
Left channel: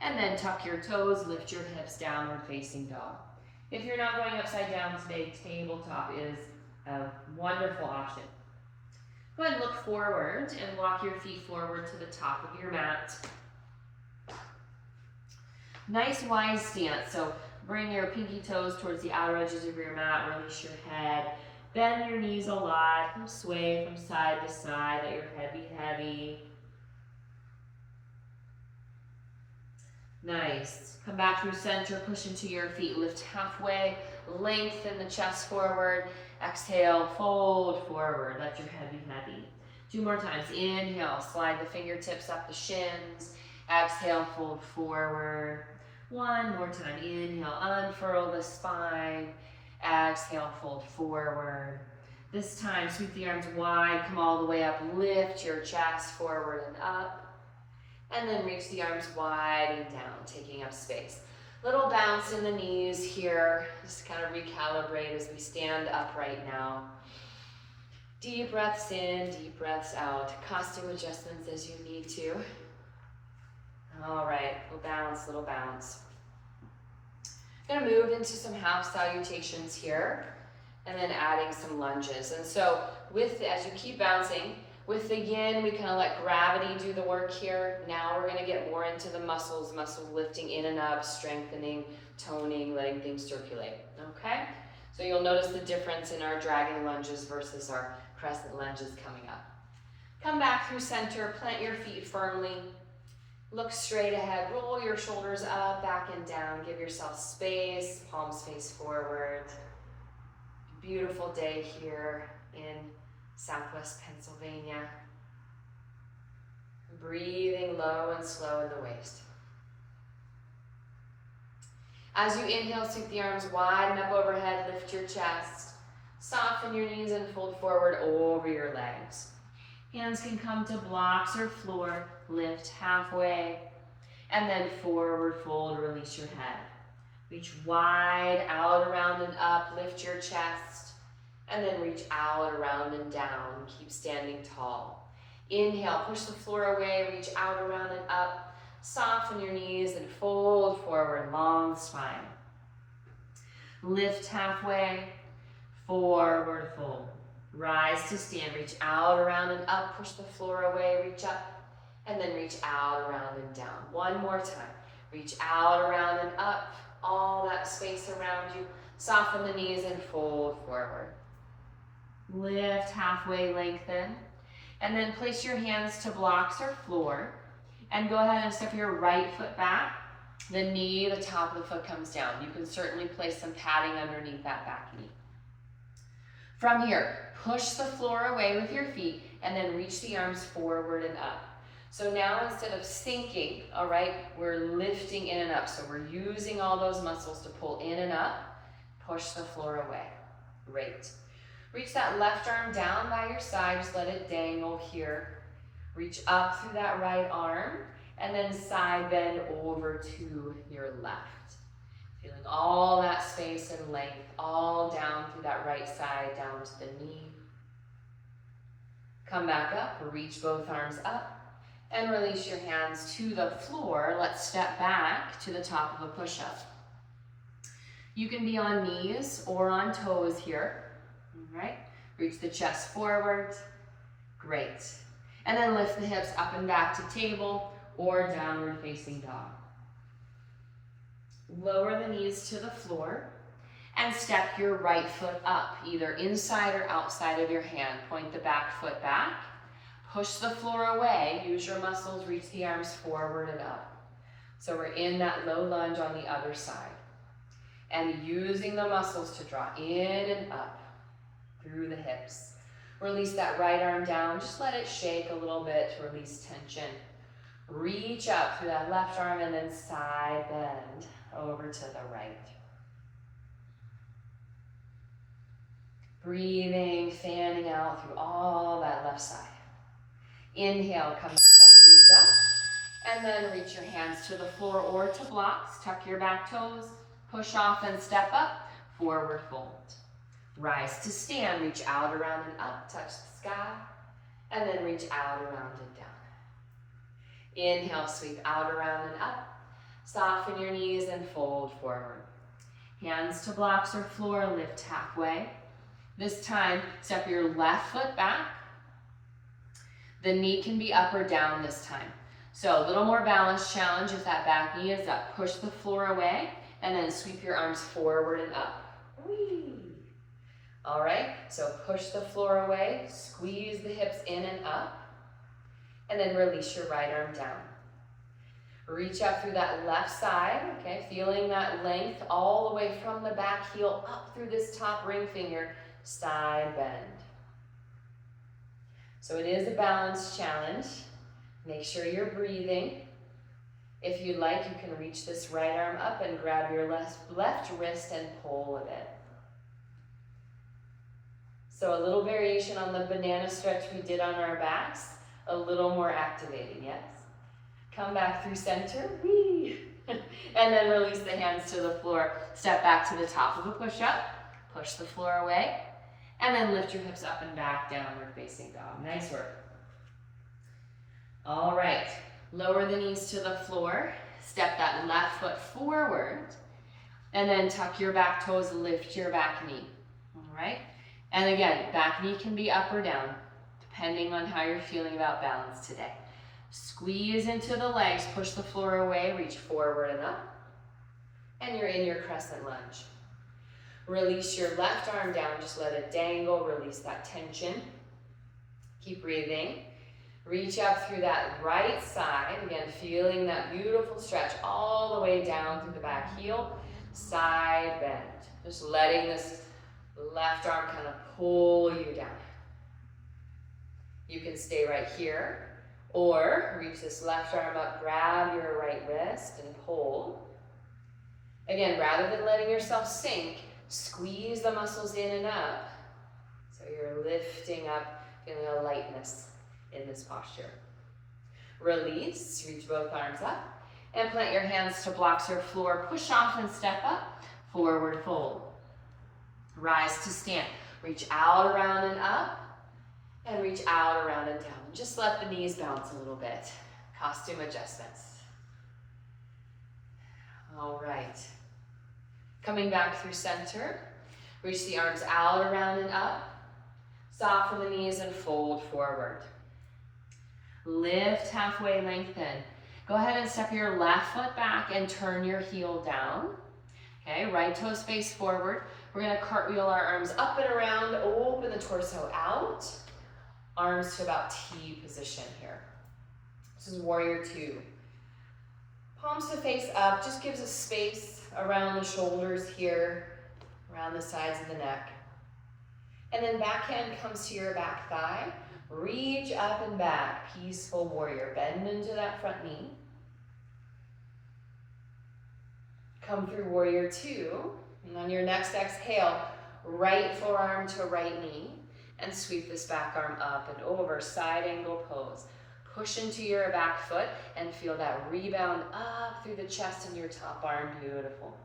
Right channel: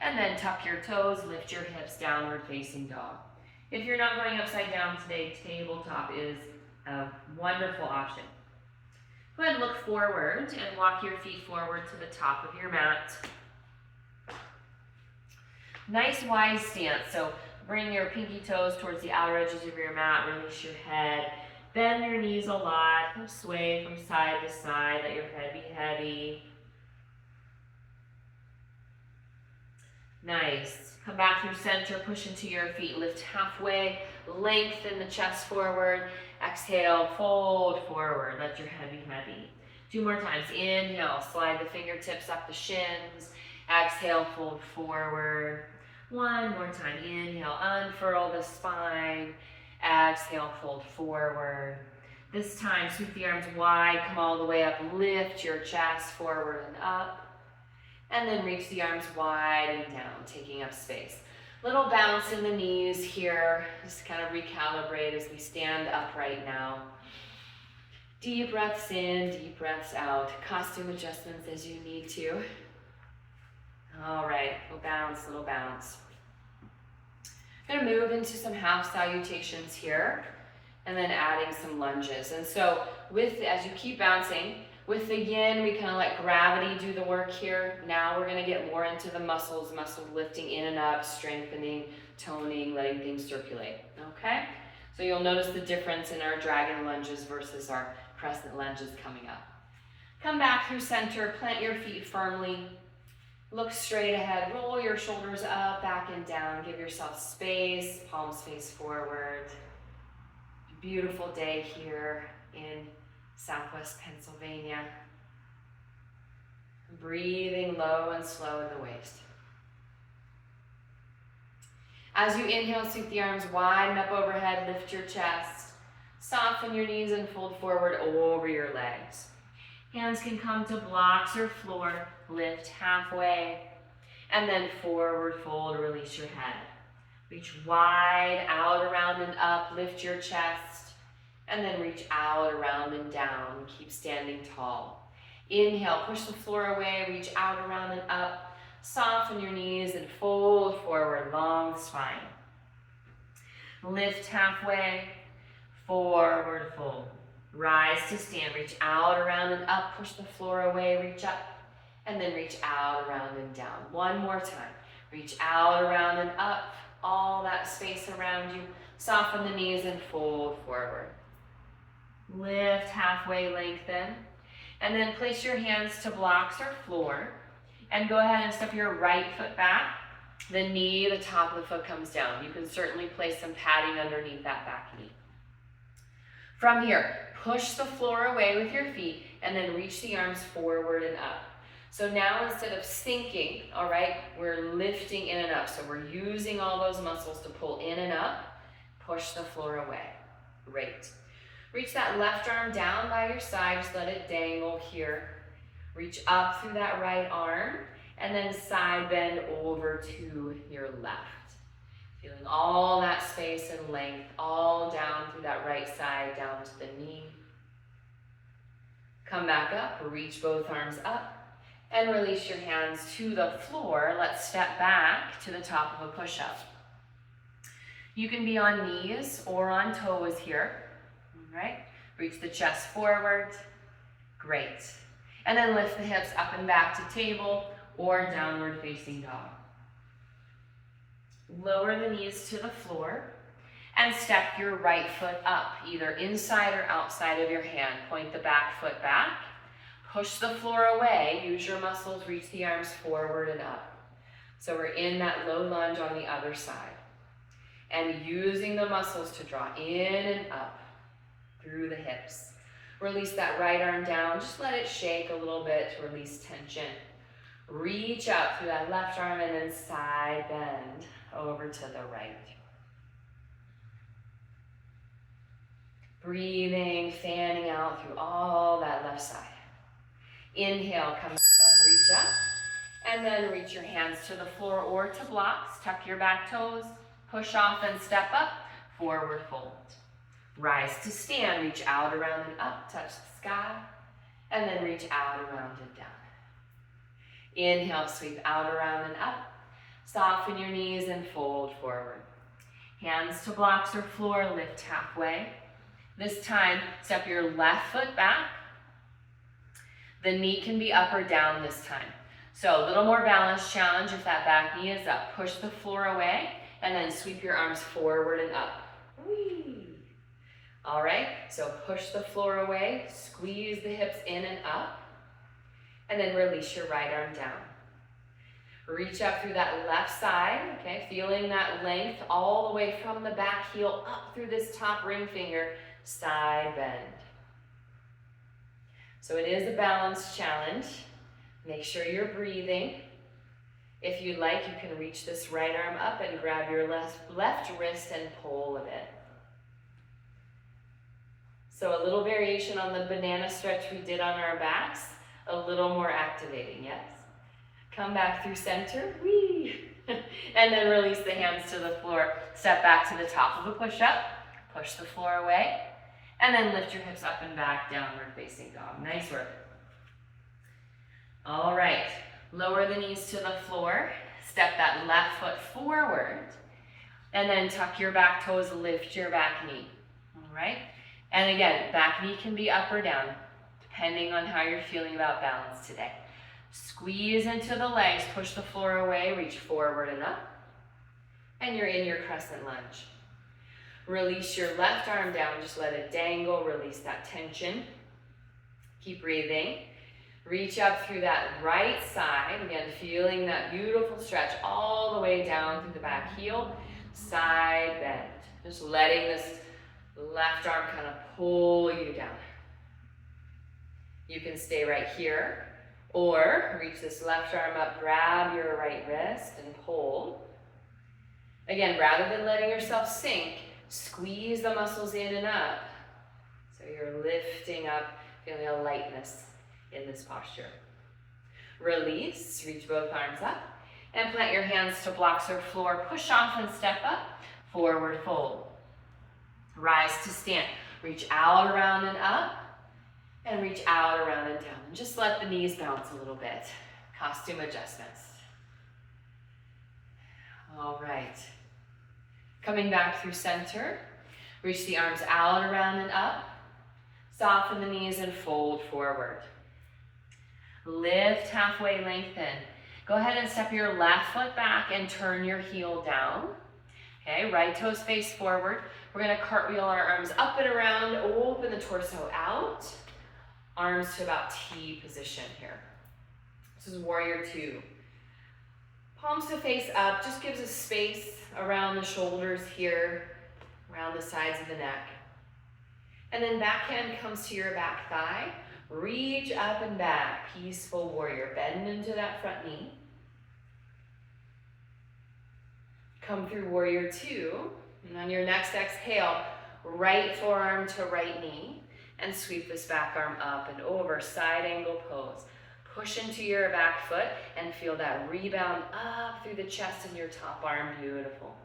and then tuck your toes, lift your hips, downward facing dog. If you're not going upside down today, tabletop is a wonderful option. Go ahead and look forward and walk your feet forward to the top of your mat. Nice wide stance, so bring your pinky toes towards the outer edges of your mat, release your head, bend your knees a lot, sway from side to side, let your head be heavy. Nice. Come back through center, push into your feet, lift halfway, lengthen the chest forward, exhale, fold forward, let your head be heavy. 2 more times, inhale, slide the fingertips up the shins, exhale, fold forward. 1 more time, inhale, unfurl the spine, exhale, fold forward. This time, sweep the arms wide, come all the way up, lift your chest forward and up. And then reach the arms wide and down, taking up space. Little bounce in the knees here. Just kind of recalibrate as we stand upright now. Deep breaths in, deep breaths out. Costume adjustments as you need to. All right, little bounce. Gonna move into some half salutations here, and then adding some lunges. And so as you keep bouncing, with the yin, we kind of let gravity do the work here. Now we're gonna get more into the muscles lifting in and up, strengthening, toning, letting things circulate, okay? So you'll notice the difference in our dragon lunges versus our crescent lunges coming up. Come back through center, plant your feet firmly, look straight ahead, roll your shoulders up, back and down, give yourself space, palms face forward. Beautiful day here in Southwest Pennsylvania. Breathing low and slow in the waist. As you inhale, sweep the arms widen up overhead, lift your chest, soften your knees and fold forward over your legs. Hands can come to blocks or floor, lift halfway, and then forward fold, release your head. Reach wide, out, around, and up, lift your chest, and then reach out, around, and down. Keep standing tall. Inhale, push the floor away, reach out, around, and up. Soften your knees and fold forward, long spine. Lift halfway, forward fold. Rise to stand, reach out, around, and up. Push the floor away, reach up, and then reach out, around, and down. 1 more time. Reach out, around, and up. All that space around you. Soften the knees and fold forward. Lift halfway, lengthen, and then place your hands to blocks or floor, and go ahead and step your right foot back. The knee, the top of the foot comes down. You can certainly place some padding underneath that back knee. From here, push the floor away with your feet, and then reach the arms forward and up. So now instead of sinking, all right, we're lifting in and up. So we're using all those muscles to pull in and up, push the floor away. Great. Reach that left arm down by your side, just let it dangle here. Reach up through that right arm, and then side bend over to your left. Feeling all that space and length all down through that right side, down to the knee. Come back up, reach both arms up, and release your hands to the floor. Let's step back to the top of a push-up. You can be on knees or on toes here, all right? Reach the chest forward, great. And then lift the hips up and back to table or downward facing dog. Lower the knees to the floor and step your right foot up, either inside or outside of your hand. Point the back foot back. Push the floor away. Use your muscles, reach the arms forward and up. So we're in that low lunge on the other side. And using the muscles to draw in and up through the hips. Release that right arm down. Just let it shake a little bit to release tension. Reach up through that left arm and then side bend over to the right. Breathing, fanning out through all that left side. Inhale, come back up, reach up. And then reach your hands to the floor or to blocks. Tuck your back toes, push off and step up, forward fold. Rise to stand, reach out, around and up, touch the sky. And then reach out, around and down. Inhale, sweep out, around and up. Soften your knees and fold forward. Hands to blocks or floor, lift halfway. This time, step your left foot back. The knee can be up or down this time. So a little more balance challenge if that back knee is up. Push the floor away and then sweep your arms forward and up. Whee! All right, so push the floor away, squeeze the hips in and up, and then release your right arm down. Reach up through that left side, okay, feeling that length all the way from the back heel up through this top ring finger, side bend. So it is a balance challenge. Make sure you're breathing. If you'd like, you can reach this right arm up and grab your left wrist and pull a bit. So a little variation on the banana stretch we did on our backs, a little more activating, yes? Come back through center, whee! And then release the hands to the floor. Step back to the top of a push-up, push the floor away, and then lift your hips up and back, downward facing dog. Nice work. All right, lower the knees to the floor, step that left foot forward, and then tuck your back toes, lift your back knee, all right? And again, back knee can be up or down, depending on how you're feeling about balance today. Squeeze into the legs, push the floor away, reach forward and up, and you're in your crescent lunge. Release your left arm down, just let it dangle, release that tension. Keep breathing. Reach up through that right side, again, feeling that beautiful stretch all the way down through the back heel, side bend. Just letting this left arm kind of pull you down. You can stay right here, or reach this left arm up, grab your right wrist and hold. Again, rather than letting yourself sink, squeeze the muscles in and up. So you're lifting up, feeling a lightness in this posture. Release, reach both arms up, and plant your hands to blocks or floor. Push off and step up, forward fold. Rise to stand. Reach out, around, and up, and reach out, around, and down. And just let the knees bounce a little bit. Costume adjustments. All right. Coming back through center. Reach the arms out, around, and up. Soften the knees and fold forward. Lift halfway, lengthen. Go ahead and step your left foot back and turn your heel down. Okay, right toes face forward. We're gonna cartwheel our arms up and around, open the torso out. Arms to about T position here. This is warrior two. Palms to face up, just gives us space around the shoulders here, around the sides of the neck. And then back hand comes to your back thigh. Reach up and back, peaceful warrior. Bend into that front knee. Come through warrior two. And on your next exhale, right forearm to right knee. And sweep this back arm up and over, side angle pose. Push into your back foot and feel that rebound up through the chest and your top arm. Beautiful.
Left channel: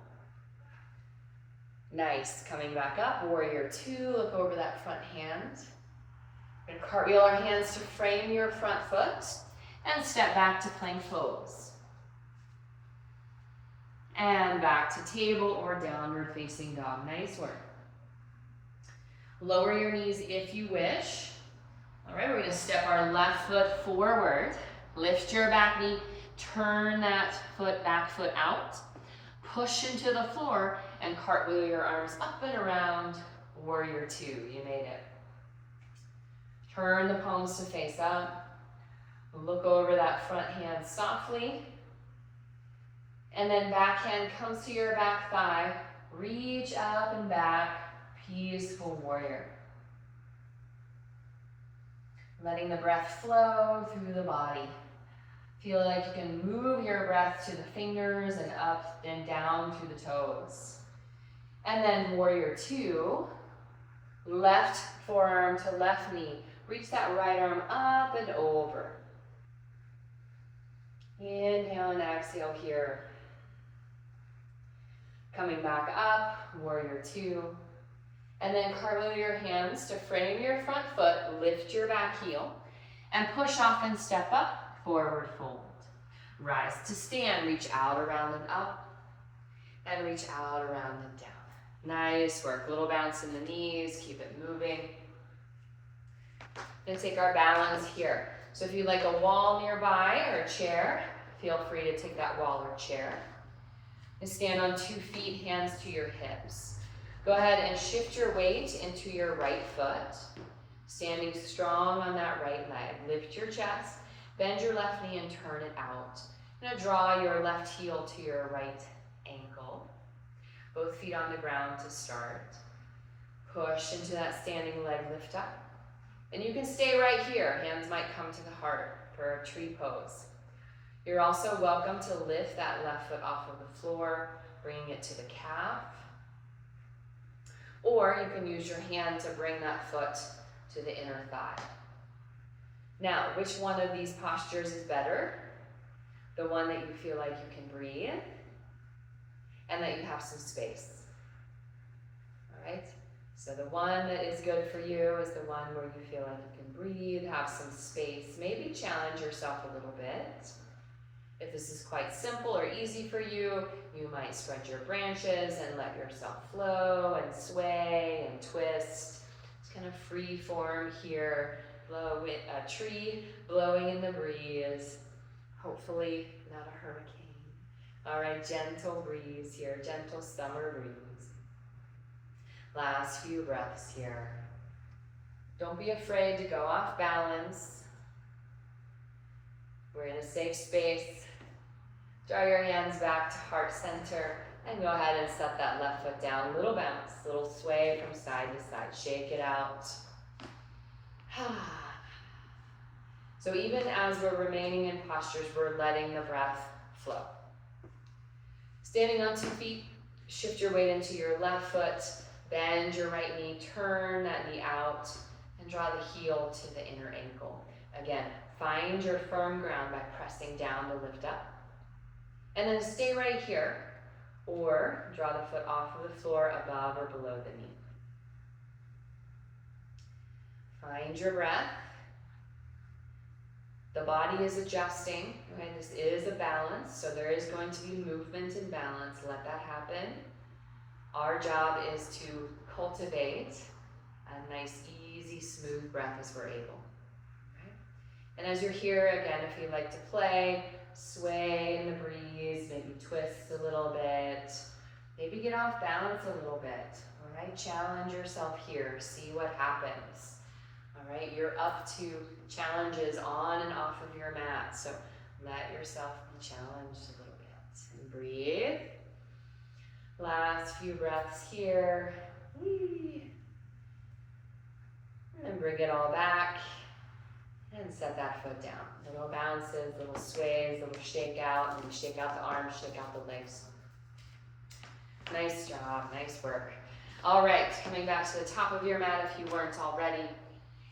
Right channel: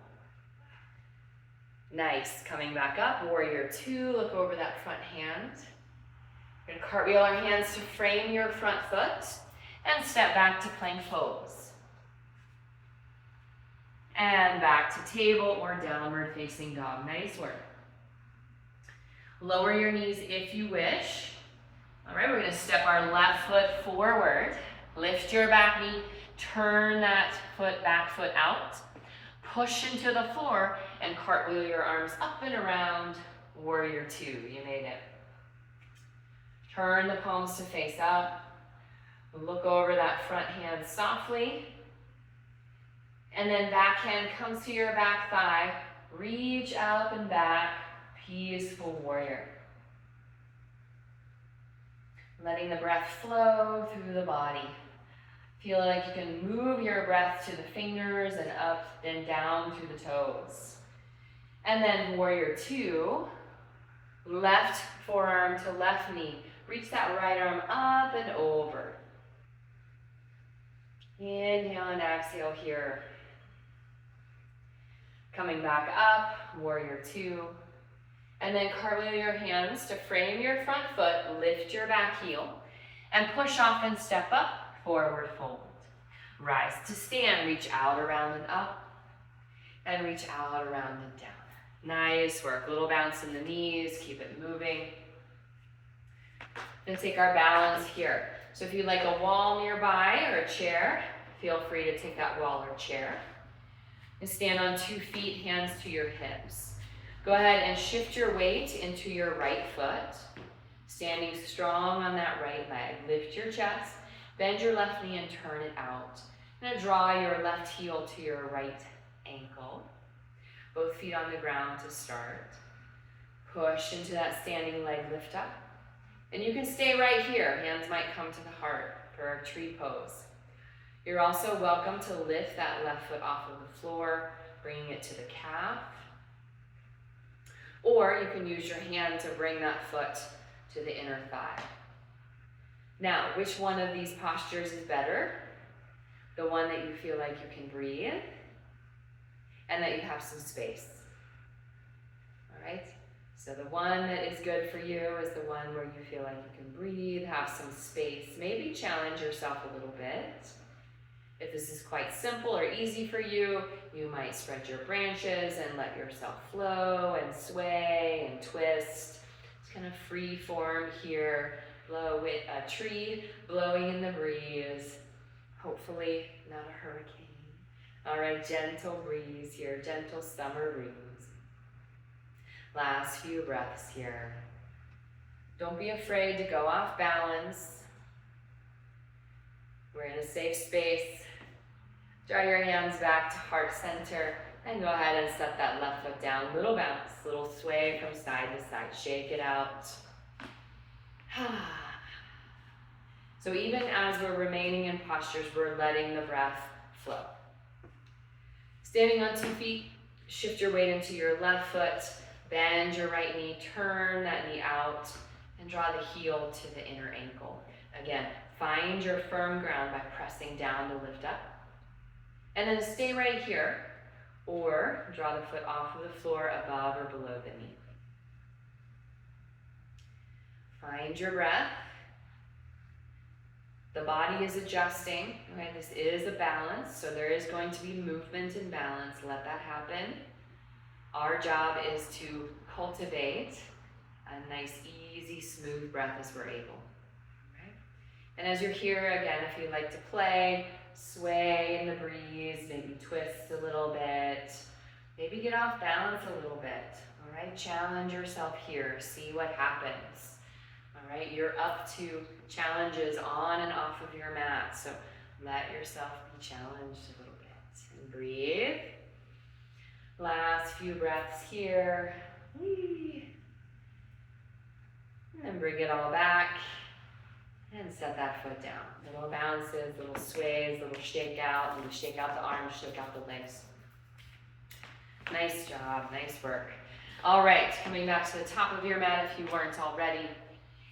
Nice. Coming back up, warrior two. Look over that front hand. We're going to cartwheel our hands to frame your front foot and step back to plank pose. And back to table or downward facing dog. Nice work. Lower your knees if you wish. All right, we're going to step our left foot forward. Lift your back knee. Turn that back foot out. Push into the floor and cartwheel your arms up and around. Warrior two. You made it. Turn the palms to face up. Look over that front hand softly. And then back hand comes to your back thigh. Reach up and back. Peaceful warrior. Letting the breath flow through the body. Feel like you can move your breath to the fingers and up and down through the toes. And then warrior two. Left forearm to left knee. Reach that right arm up and over. Inhale and exhale here. Coming back up, warrior two. And then cartwheel your hands to frame your front foot, lift your back heel, and push off and step up, forward fold. Rise to stand, reach out, around, and up, and reach out, around, and down. Nice work, little bounce in the knees, keep it moving. Then take our balance here. So if you like a wall nearby or a chair, feel free to take that wall or chair. And stand on 2 feet, hands to your hips. Go ahead and shift your weight into your right foot. Standing strong on that right leg. Lift your chest, bend your left knee and turn it out. Now draw your left heel to your right ankle. Both feet on the ground to start. Push into that standing leg lift up. And you can stay right here. Hands might come to the heart for a tree pose. You're also welcome to lift that left foot off of the floor, bringing it to the calf. Or you can use your hand to bring that foot to the inner thigh. Now, which one of these postures is better? The one that you feel like you can breathe and that you have some space. All right? So the one that is good for you is the one where you feel like you can breathe, have some space, maybe challenge yourself a little bit. If this is quite simple or easy for you, you might spread your branches and let yourself flow and sway and twist. It's kind of free form here. Blow with a tree blowing in the breeze. Hopefully not a hurricane. All right, gentle breeze here, gentle summer breeze. Last few breaths here. Don't be afraid to go off balance. We're in a safe space. Draw your hands back to heart center and go ahead and set that left foot down. Little bounce, little sway from side to side. Shake it out. So even as we're remaining in postures, we're letting the breath flow. Standing on 2 feet, shift your weight into your left foot, bend your right knee, turn that knee out, and draw the heel to the inner ankle. Again, find your firm ground by pressing down to lift up. And then stay right here, or draw the foot off of the floor above or below the knee. Find your breath. The body is adjusting. Okay, this is a balance, so there is going to be movement and balance. Let that happen. Our job is to cultivate a nice, easy, smooth breath as we're able. Okay? And as you're here, again, if you like to play, sway in the breeze, maybe twist a little bit, maybe get off balance a little bit. All right, challenge yourself here. See what happens. All right, you're up to challenges on and off of your mat, so let yourself be challenged a little bit. And breathe. Last few breaths here. And bring it all back. And set that foot down. Little bounces, little sways, little shake out the arms, shake out the legs. Nice job, nice work. All right, coming back to the top of your mat if you weren't already.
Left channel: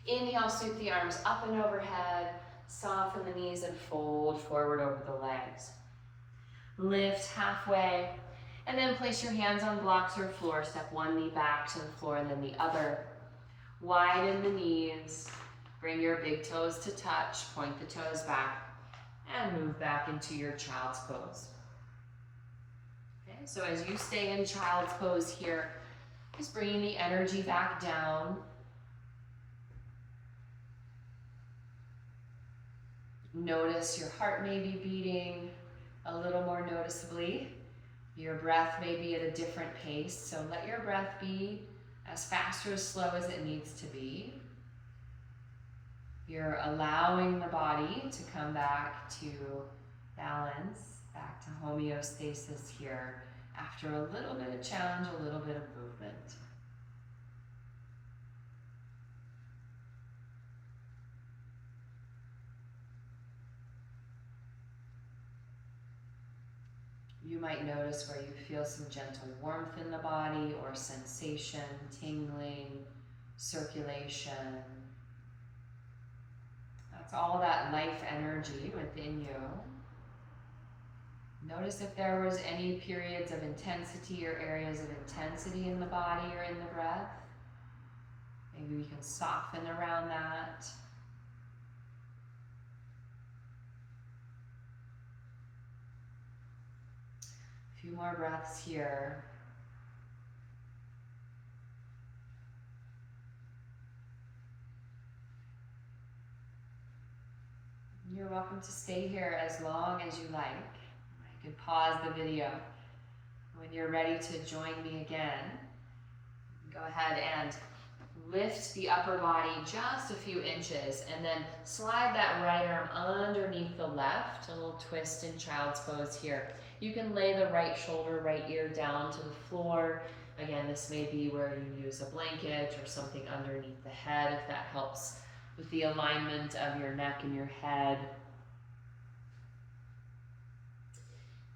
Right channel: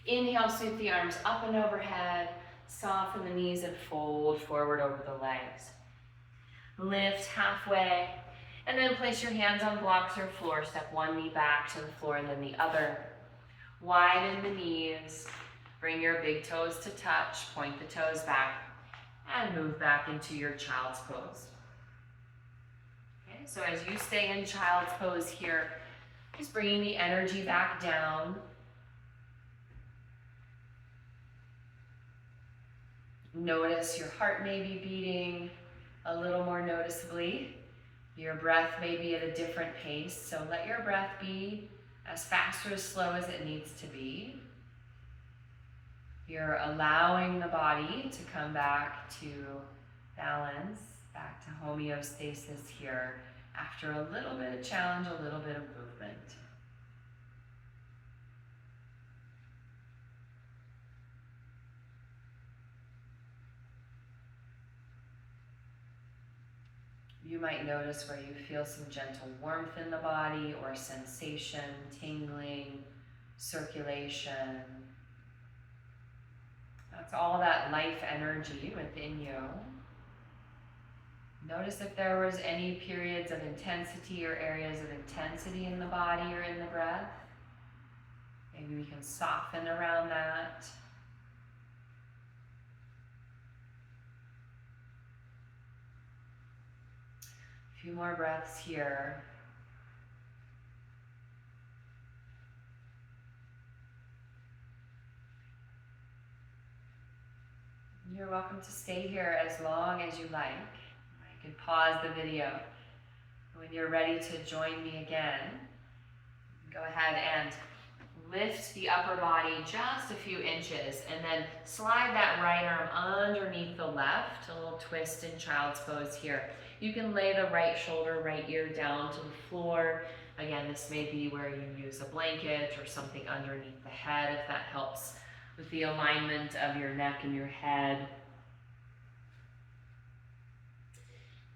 Inhale, sweep the arms up and overhead, soften the knees and fold forward over the legs. Lift halfway, and then place your hands on blocks or floor. Step one knee back to the floor and then the other. Widen the knees, bring your big toes to touch, point the toes back, and move back into your child's pose. Okay, so as you stay in child's pose here, just bringing the energy back down. Notice your heart may be beating a little more noticeably. Your breath may be at a different pace, so let your breath be as fast or as slow as it needs to be. You're allowing the body to come back to balance, back to homeostasis here after a little bit of challenge, a little bit of movement. You might notice where you feel some gentle warmth in the body or sensation, tingling, circulation. That's all that life energy within you. Notice if there was any periods of intensity or areas of intensity in the body or in the breath. Maybe we can soften around that. A few more breaths here. You're welcome to stay here as long as you like. I can pause the video. When you're ready to join me again, go ahead and lift the upper body just a few inches and then slide that right arm underneath the left, a little twist in child's pose here. You can lay the right shoulder, right ear down to the floor. Again, this may be where you use a blanket or something underneath the head if that helps with the alignment of your neck and your head.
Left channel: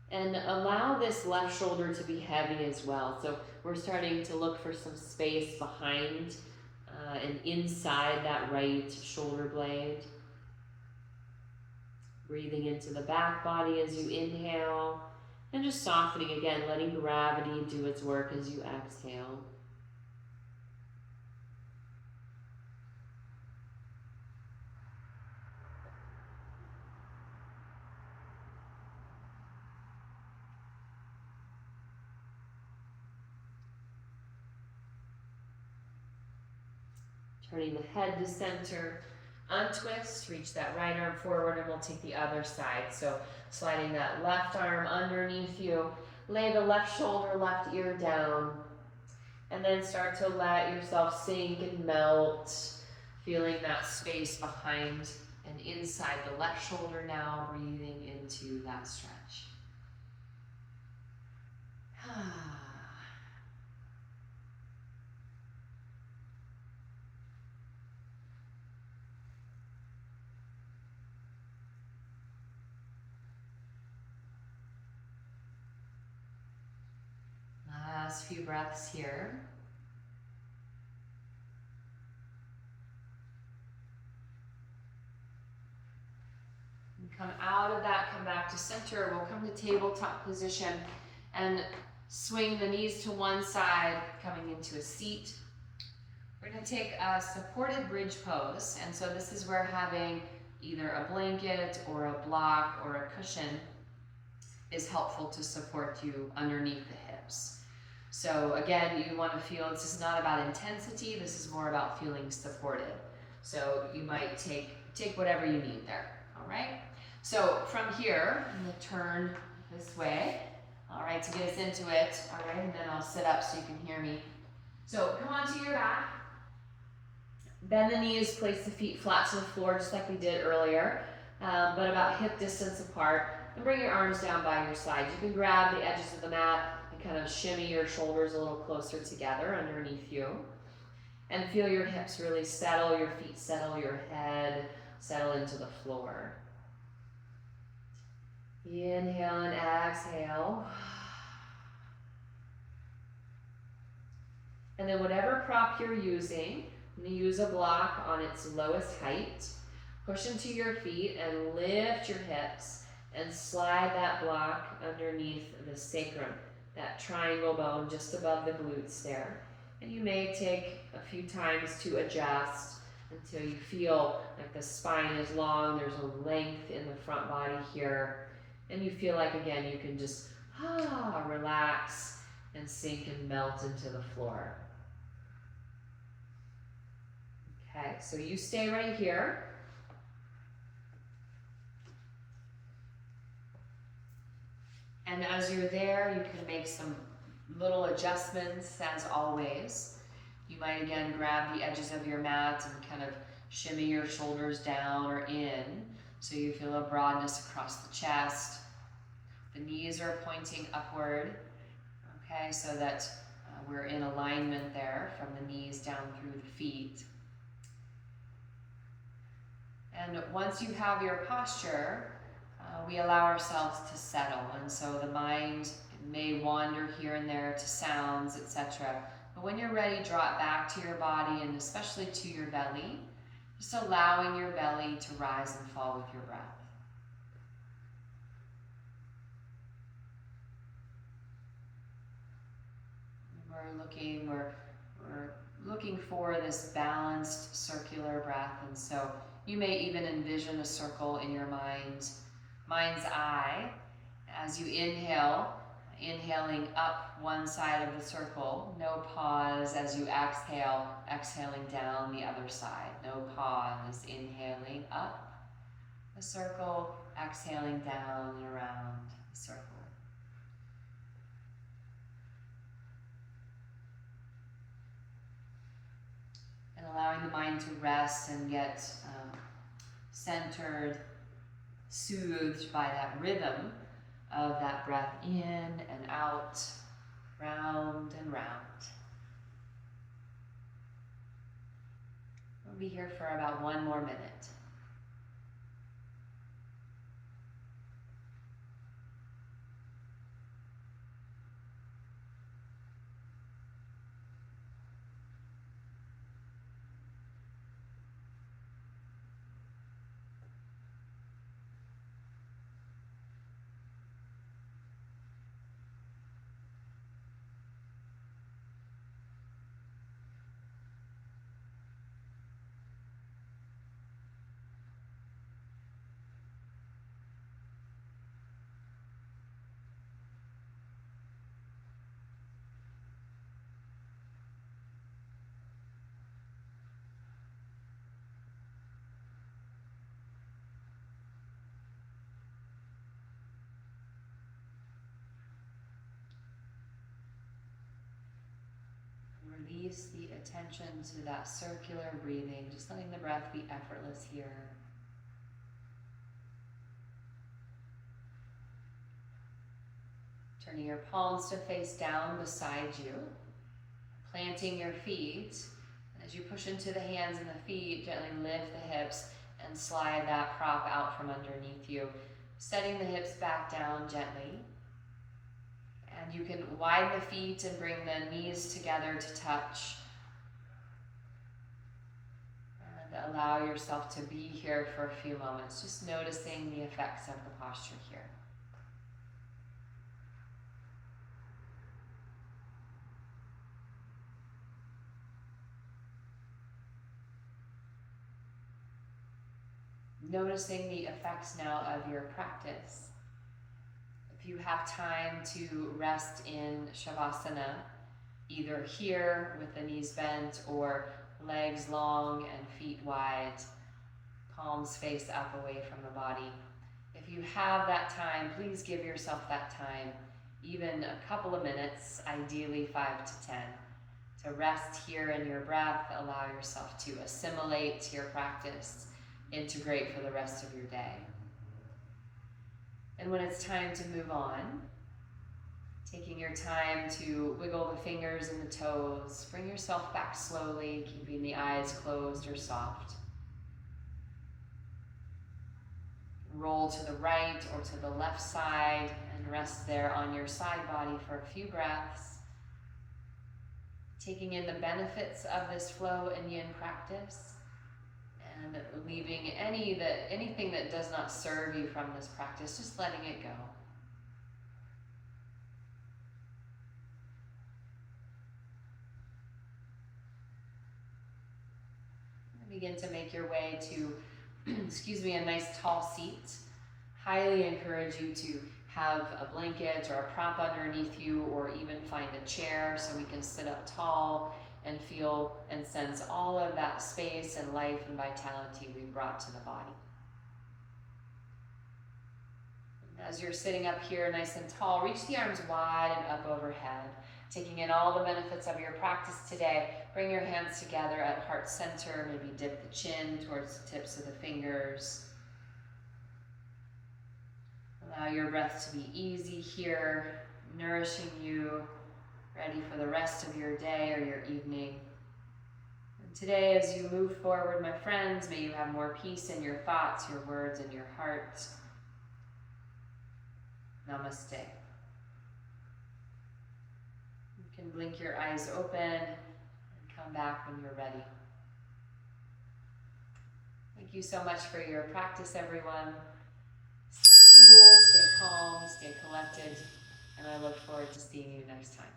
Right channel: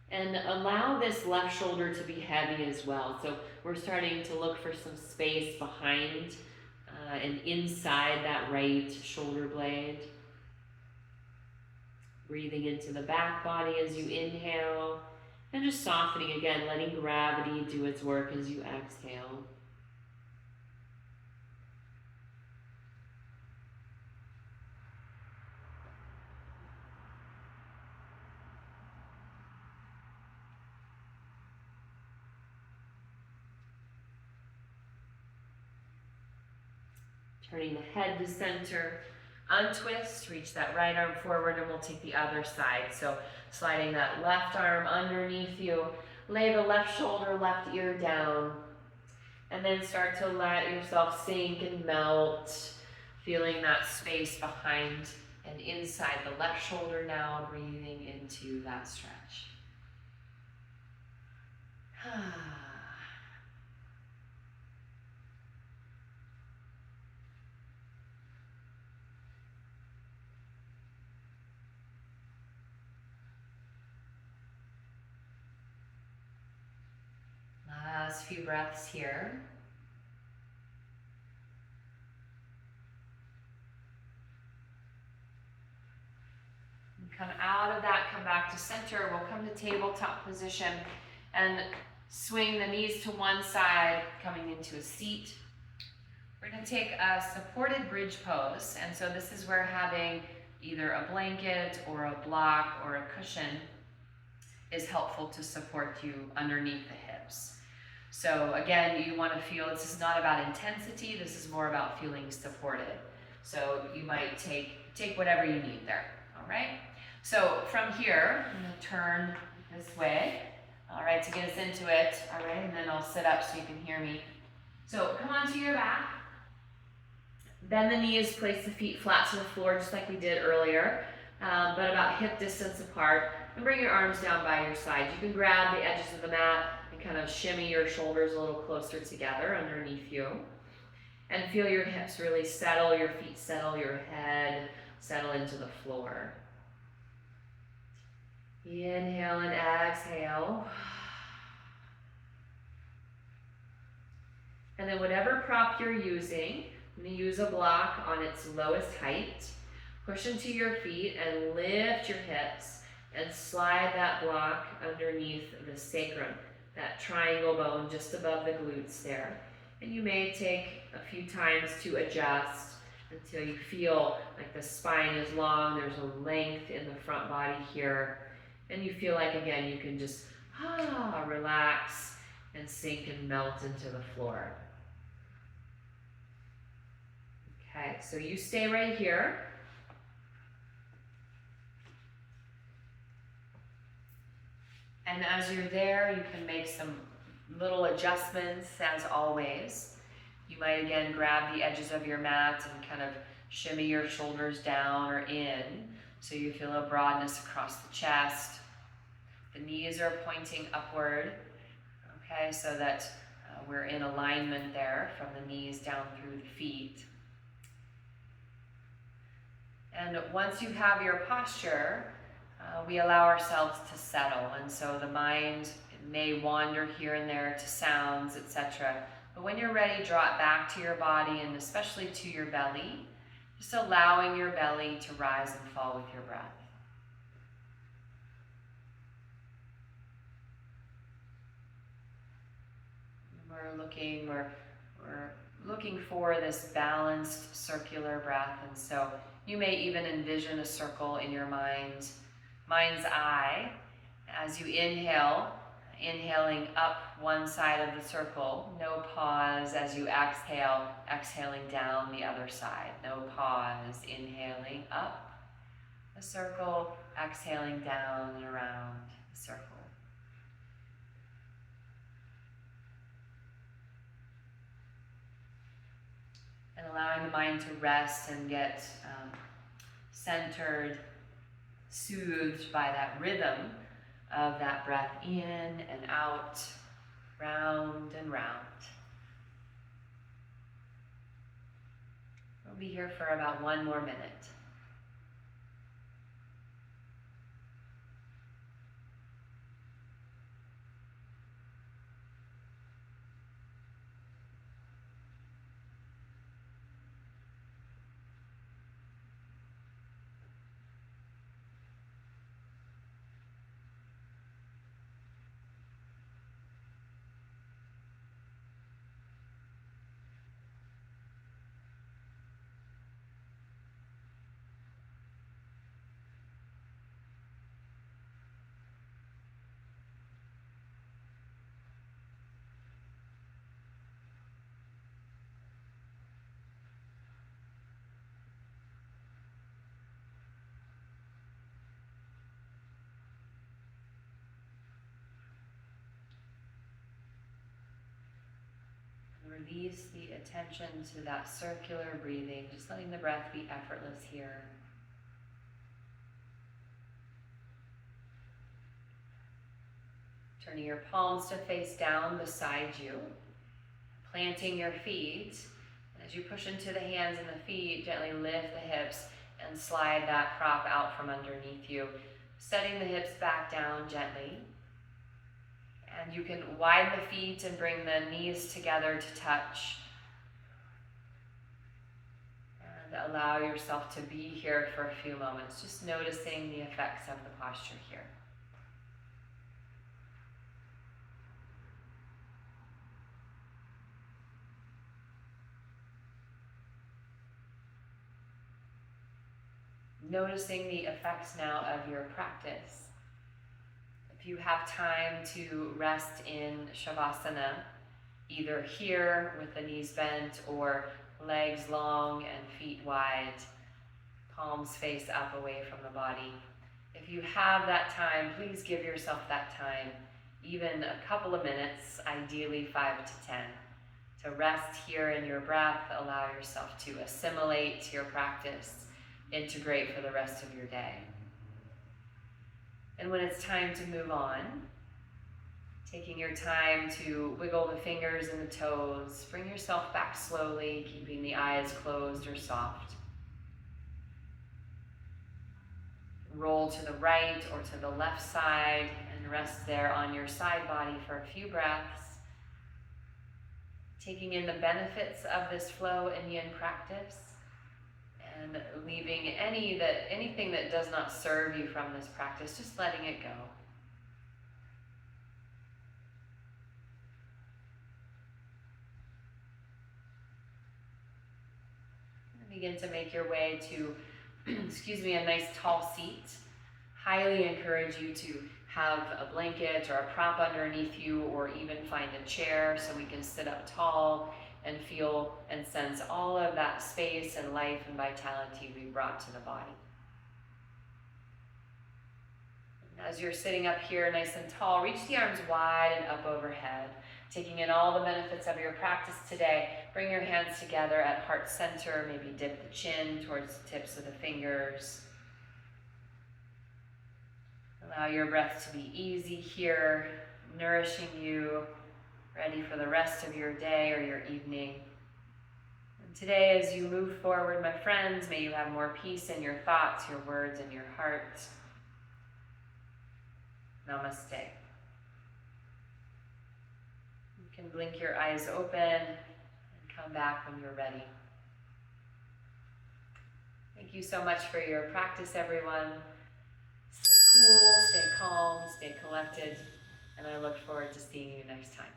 And allow this left shoulder to be heavy as well. So we're starting to look for some space behind and inside that right shoulder blade. Breathing into the back body as you inhale, and just softening again, letting gravity do its work as you exhale. Turning the head to center, untwist, reach that right arm forward, and we'll take the other side. So sliding that left arm underneath you, lay the left shoulder, left ear down, and then start to let yourself sink and melt, feeling that space behind and inside the left shoulder now, breathing into that stretch. Last few breaths here. And come out of that, come back to center. We'll come to tabletop position and swing the knees to one side, coming into a seat. We're going to take a supported bridge pose. And so this is where having either a blanket or a block or a cushion is helpful to support you underneath the hips. So again, you want to feel this is not about intensity, this is more about feeling supported. So you might take whatever you need there, all right? So from here, I'm going to turn this way, all right, to get us into it, all right, and then I'll sit up so you can hear me. So come onto your back, bend the knees, place the feet flat to the floor just like we did earlier, but about hip distance apart, and bring your arms down by your sides. You can grab the edges of the mat and kind of shimmy your shoulders a little closer together underneath you. And feel your hips really settle, your feet settle, your head settle into the floor. Inhale and exhale. And then whatever prop you're using, I'm going to use a block on its lowest height. Push into your feet and lift your hips and slide that block underneath the sacrum, that triangle bone just above the glutes there. And you may take a few times to adjust until you feel like the spine is long, there's a length in the front body here, and you feel like, again, you can just relax and sink and melt into the floor. Okay, so you stay right here. And as you're there, you can make some little adjustments as always. You might again grab the edges of your mat and kind of shimmy your shoulders down or in so you feel a broadness across the chest. The knees are pointing upward, okay, so that we're in alignment there from the knees down through the feet. And once you have your posture, we allow ourselves to settle, and so the mind may wander here and there to sounds, etc. But when you're ready, draw it back to your body and especially to your belly, just allowing your belly to rise and fall with your breath. We're looking for this balanced circular breath, and so you may even envision a circle in your mind's eye as you inhale, inhaling up one side of the circle, no pause as you exhale, exhaling down the other side, no pause, inhaling up the circle, exhaling down and around the circle. And allowing the mind to rest and get centered, soothed by that rhythm of that breath in and out, round and round. We'll be here for about 1 more minute. Release the attention to that circular breathing, just letting the breath be effortless here. Turning your palms to face down beside you, planting your feet. And as you push into the hands and the feet, gently lift the hips and slide that prop out from underneath you, setting the hips back down gently. And you can widen the feet and bring the knees together to touch. And allow yourself to be here for a few moments, just noticing the effects of the posture here. Noticing the effects now of your practice. If you have time to rest in Shavasana, either here with the knees bent or legs long and feet wide, palms face up away from the body. If you have that time, please give yourself that time, even a couple of minutes, ideally 5 to 10, to rest here in your breath, allow yourself to assimilate your practice, integrate for the rest of your day. And when it's time to move on, taking your time to wiggle the fingers and the toes, bring yourself back slowly, keeping the eyes closed or soft. roll to the right or to the left side and rest there on your side body for a few breaths. Taking in the benefits of this flow and yin practice and leaving anything that does not serve you from this practice, just letting it go. Begin to make your way to, excuse me, a nice tall seat. Highly encourage you to have a blanket or a prop underneath you, or even find a chair so we can sit up tall and feel and sense all of that space and life and vitality we brought to the body. As you're sitting up here nice and tall, reach the arms wide and up overhead. Taking in all the benefits of your practice today, bring your hands together at heart center, maybe dip the chin towards the tips of the fingers. Allow your breath to be easy here, nourishing you, ready for the rest of your day or your evening. And today, as you move forward, my friends, may you have more peace in your thoughts, your words, and your heart. Namaste. You can blink your eyes open and come back when you're ready. Thank you so much for your practice, everyone. Stay cool, stay calm, stay collected, and I look forward to seeing you next time.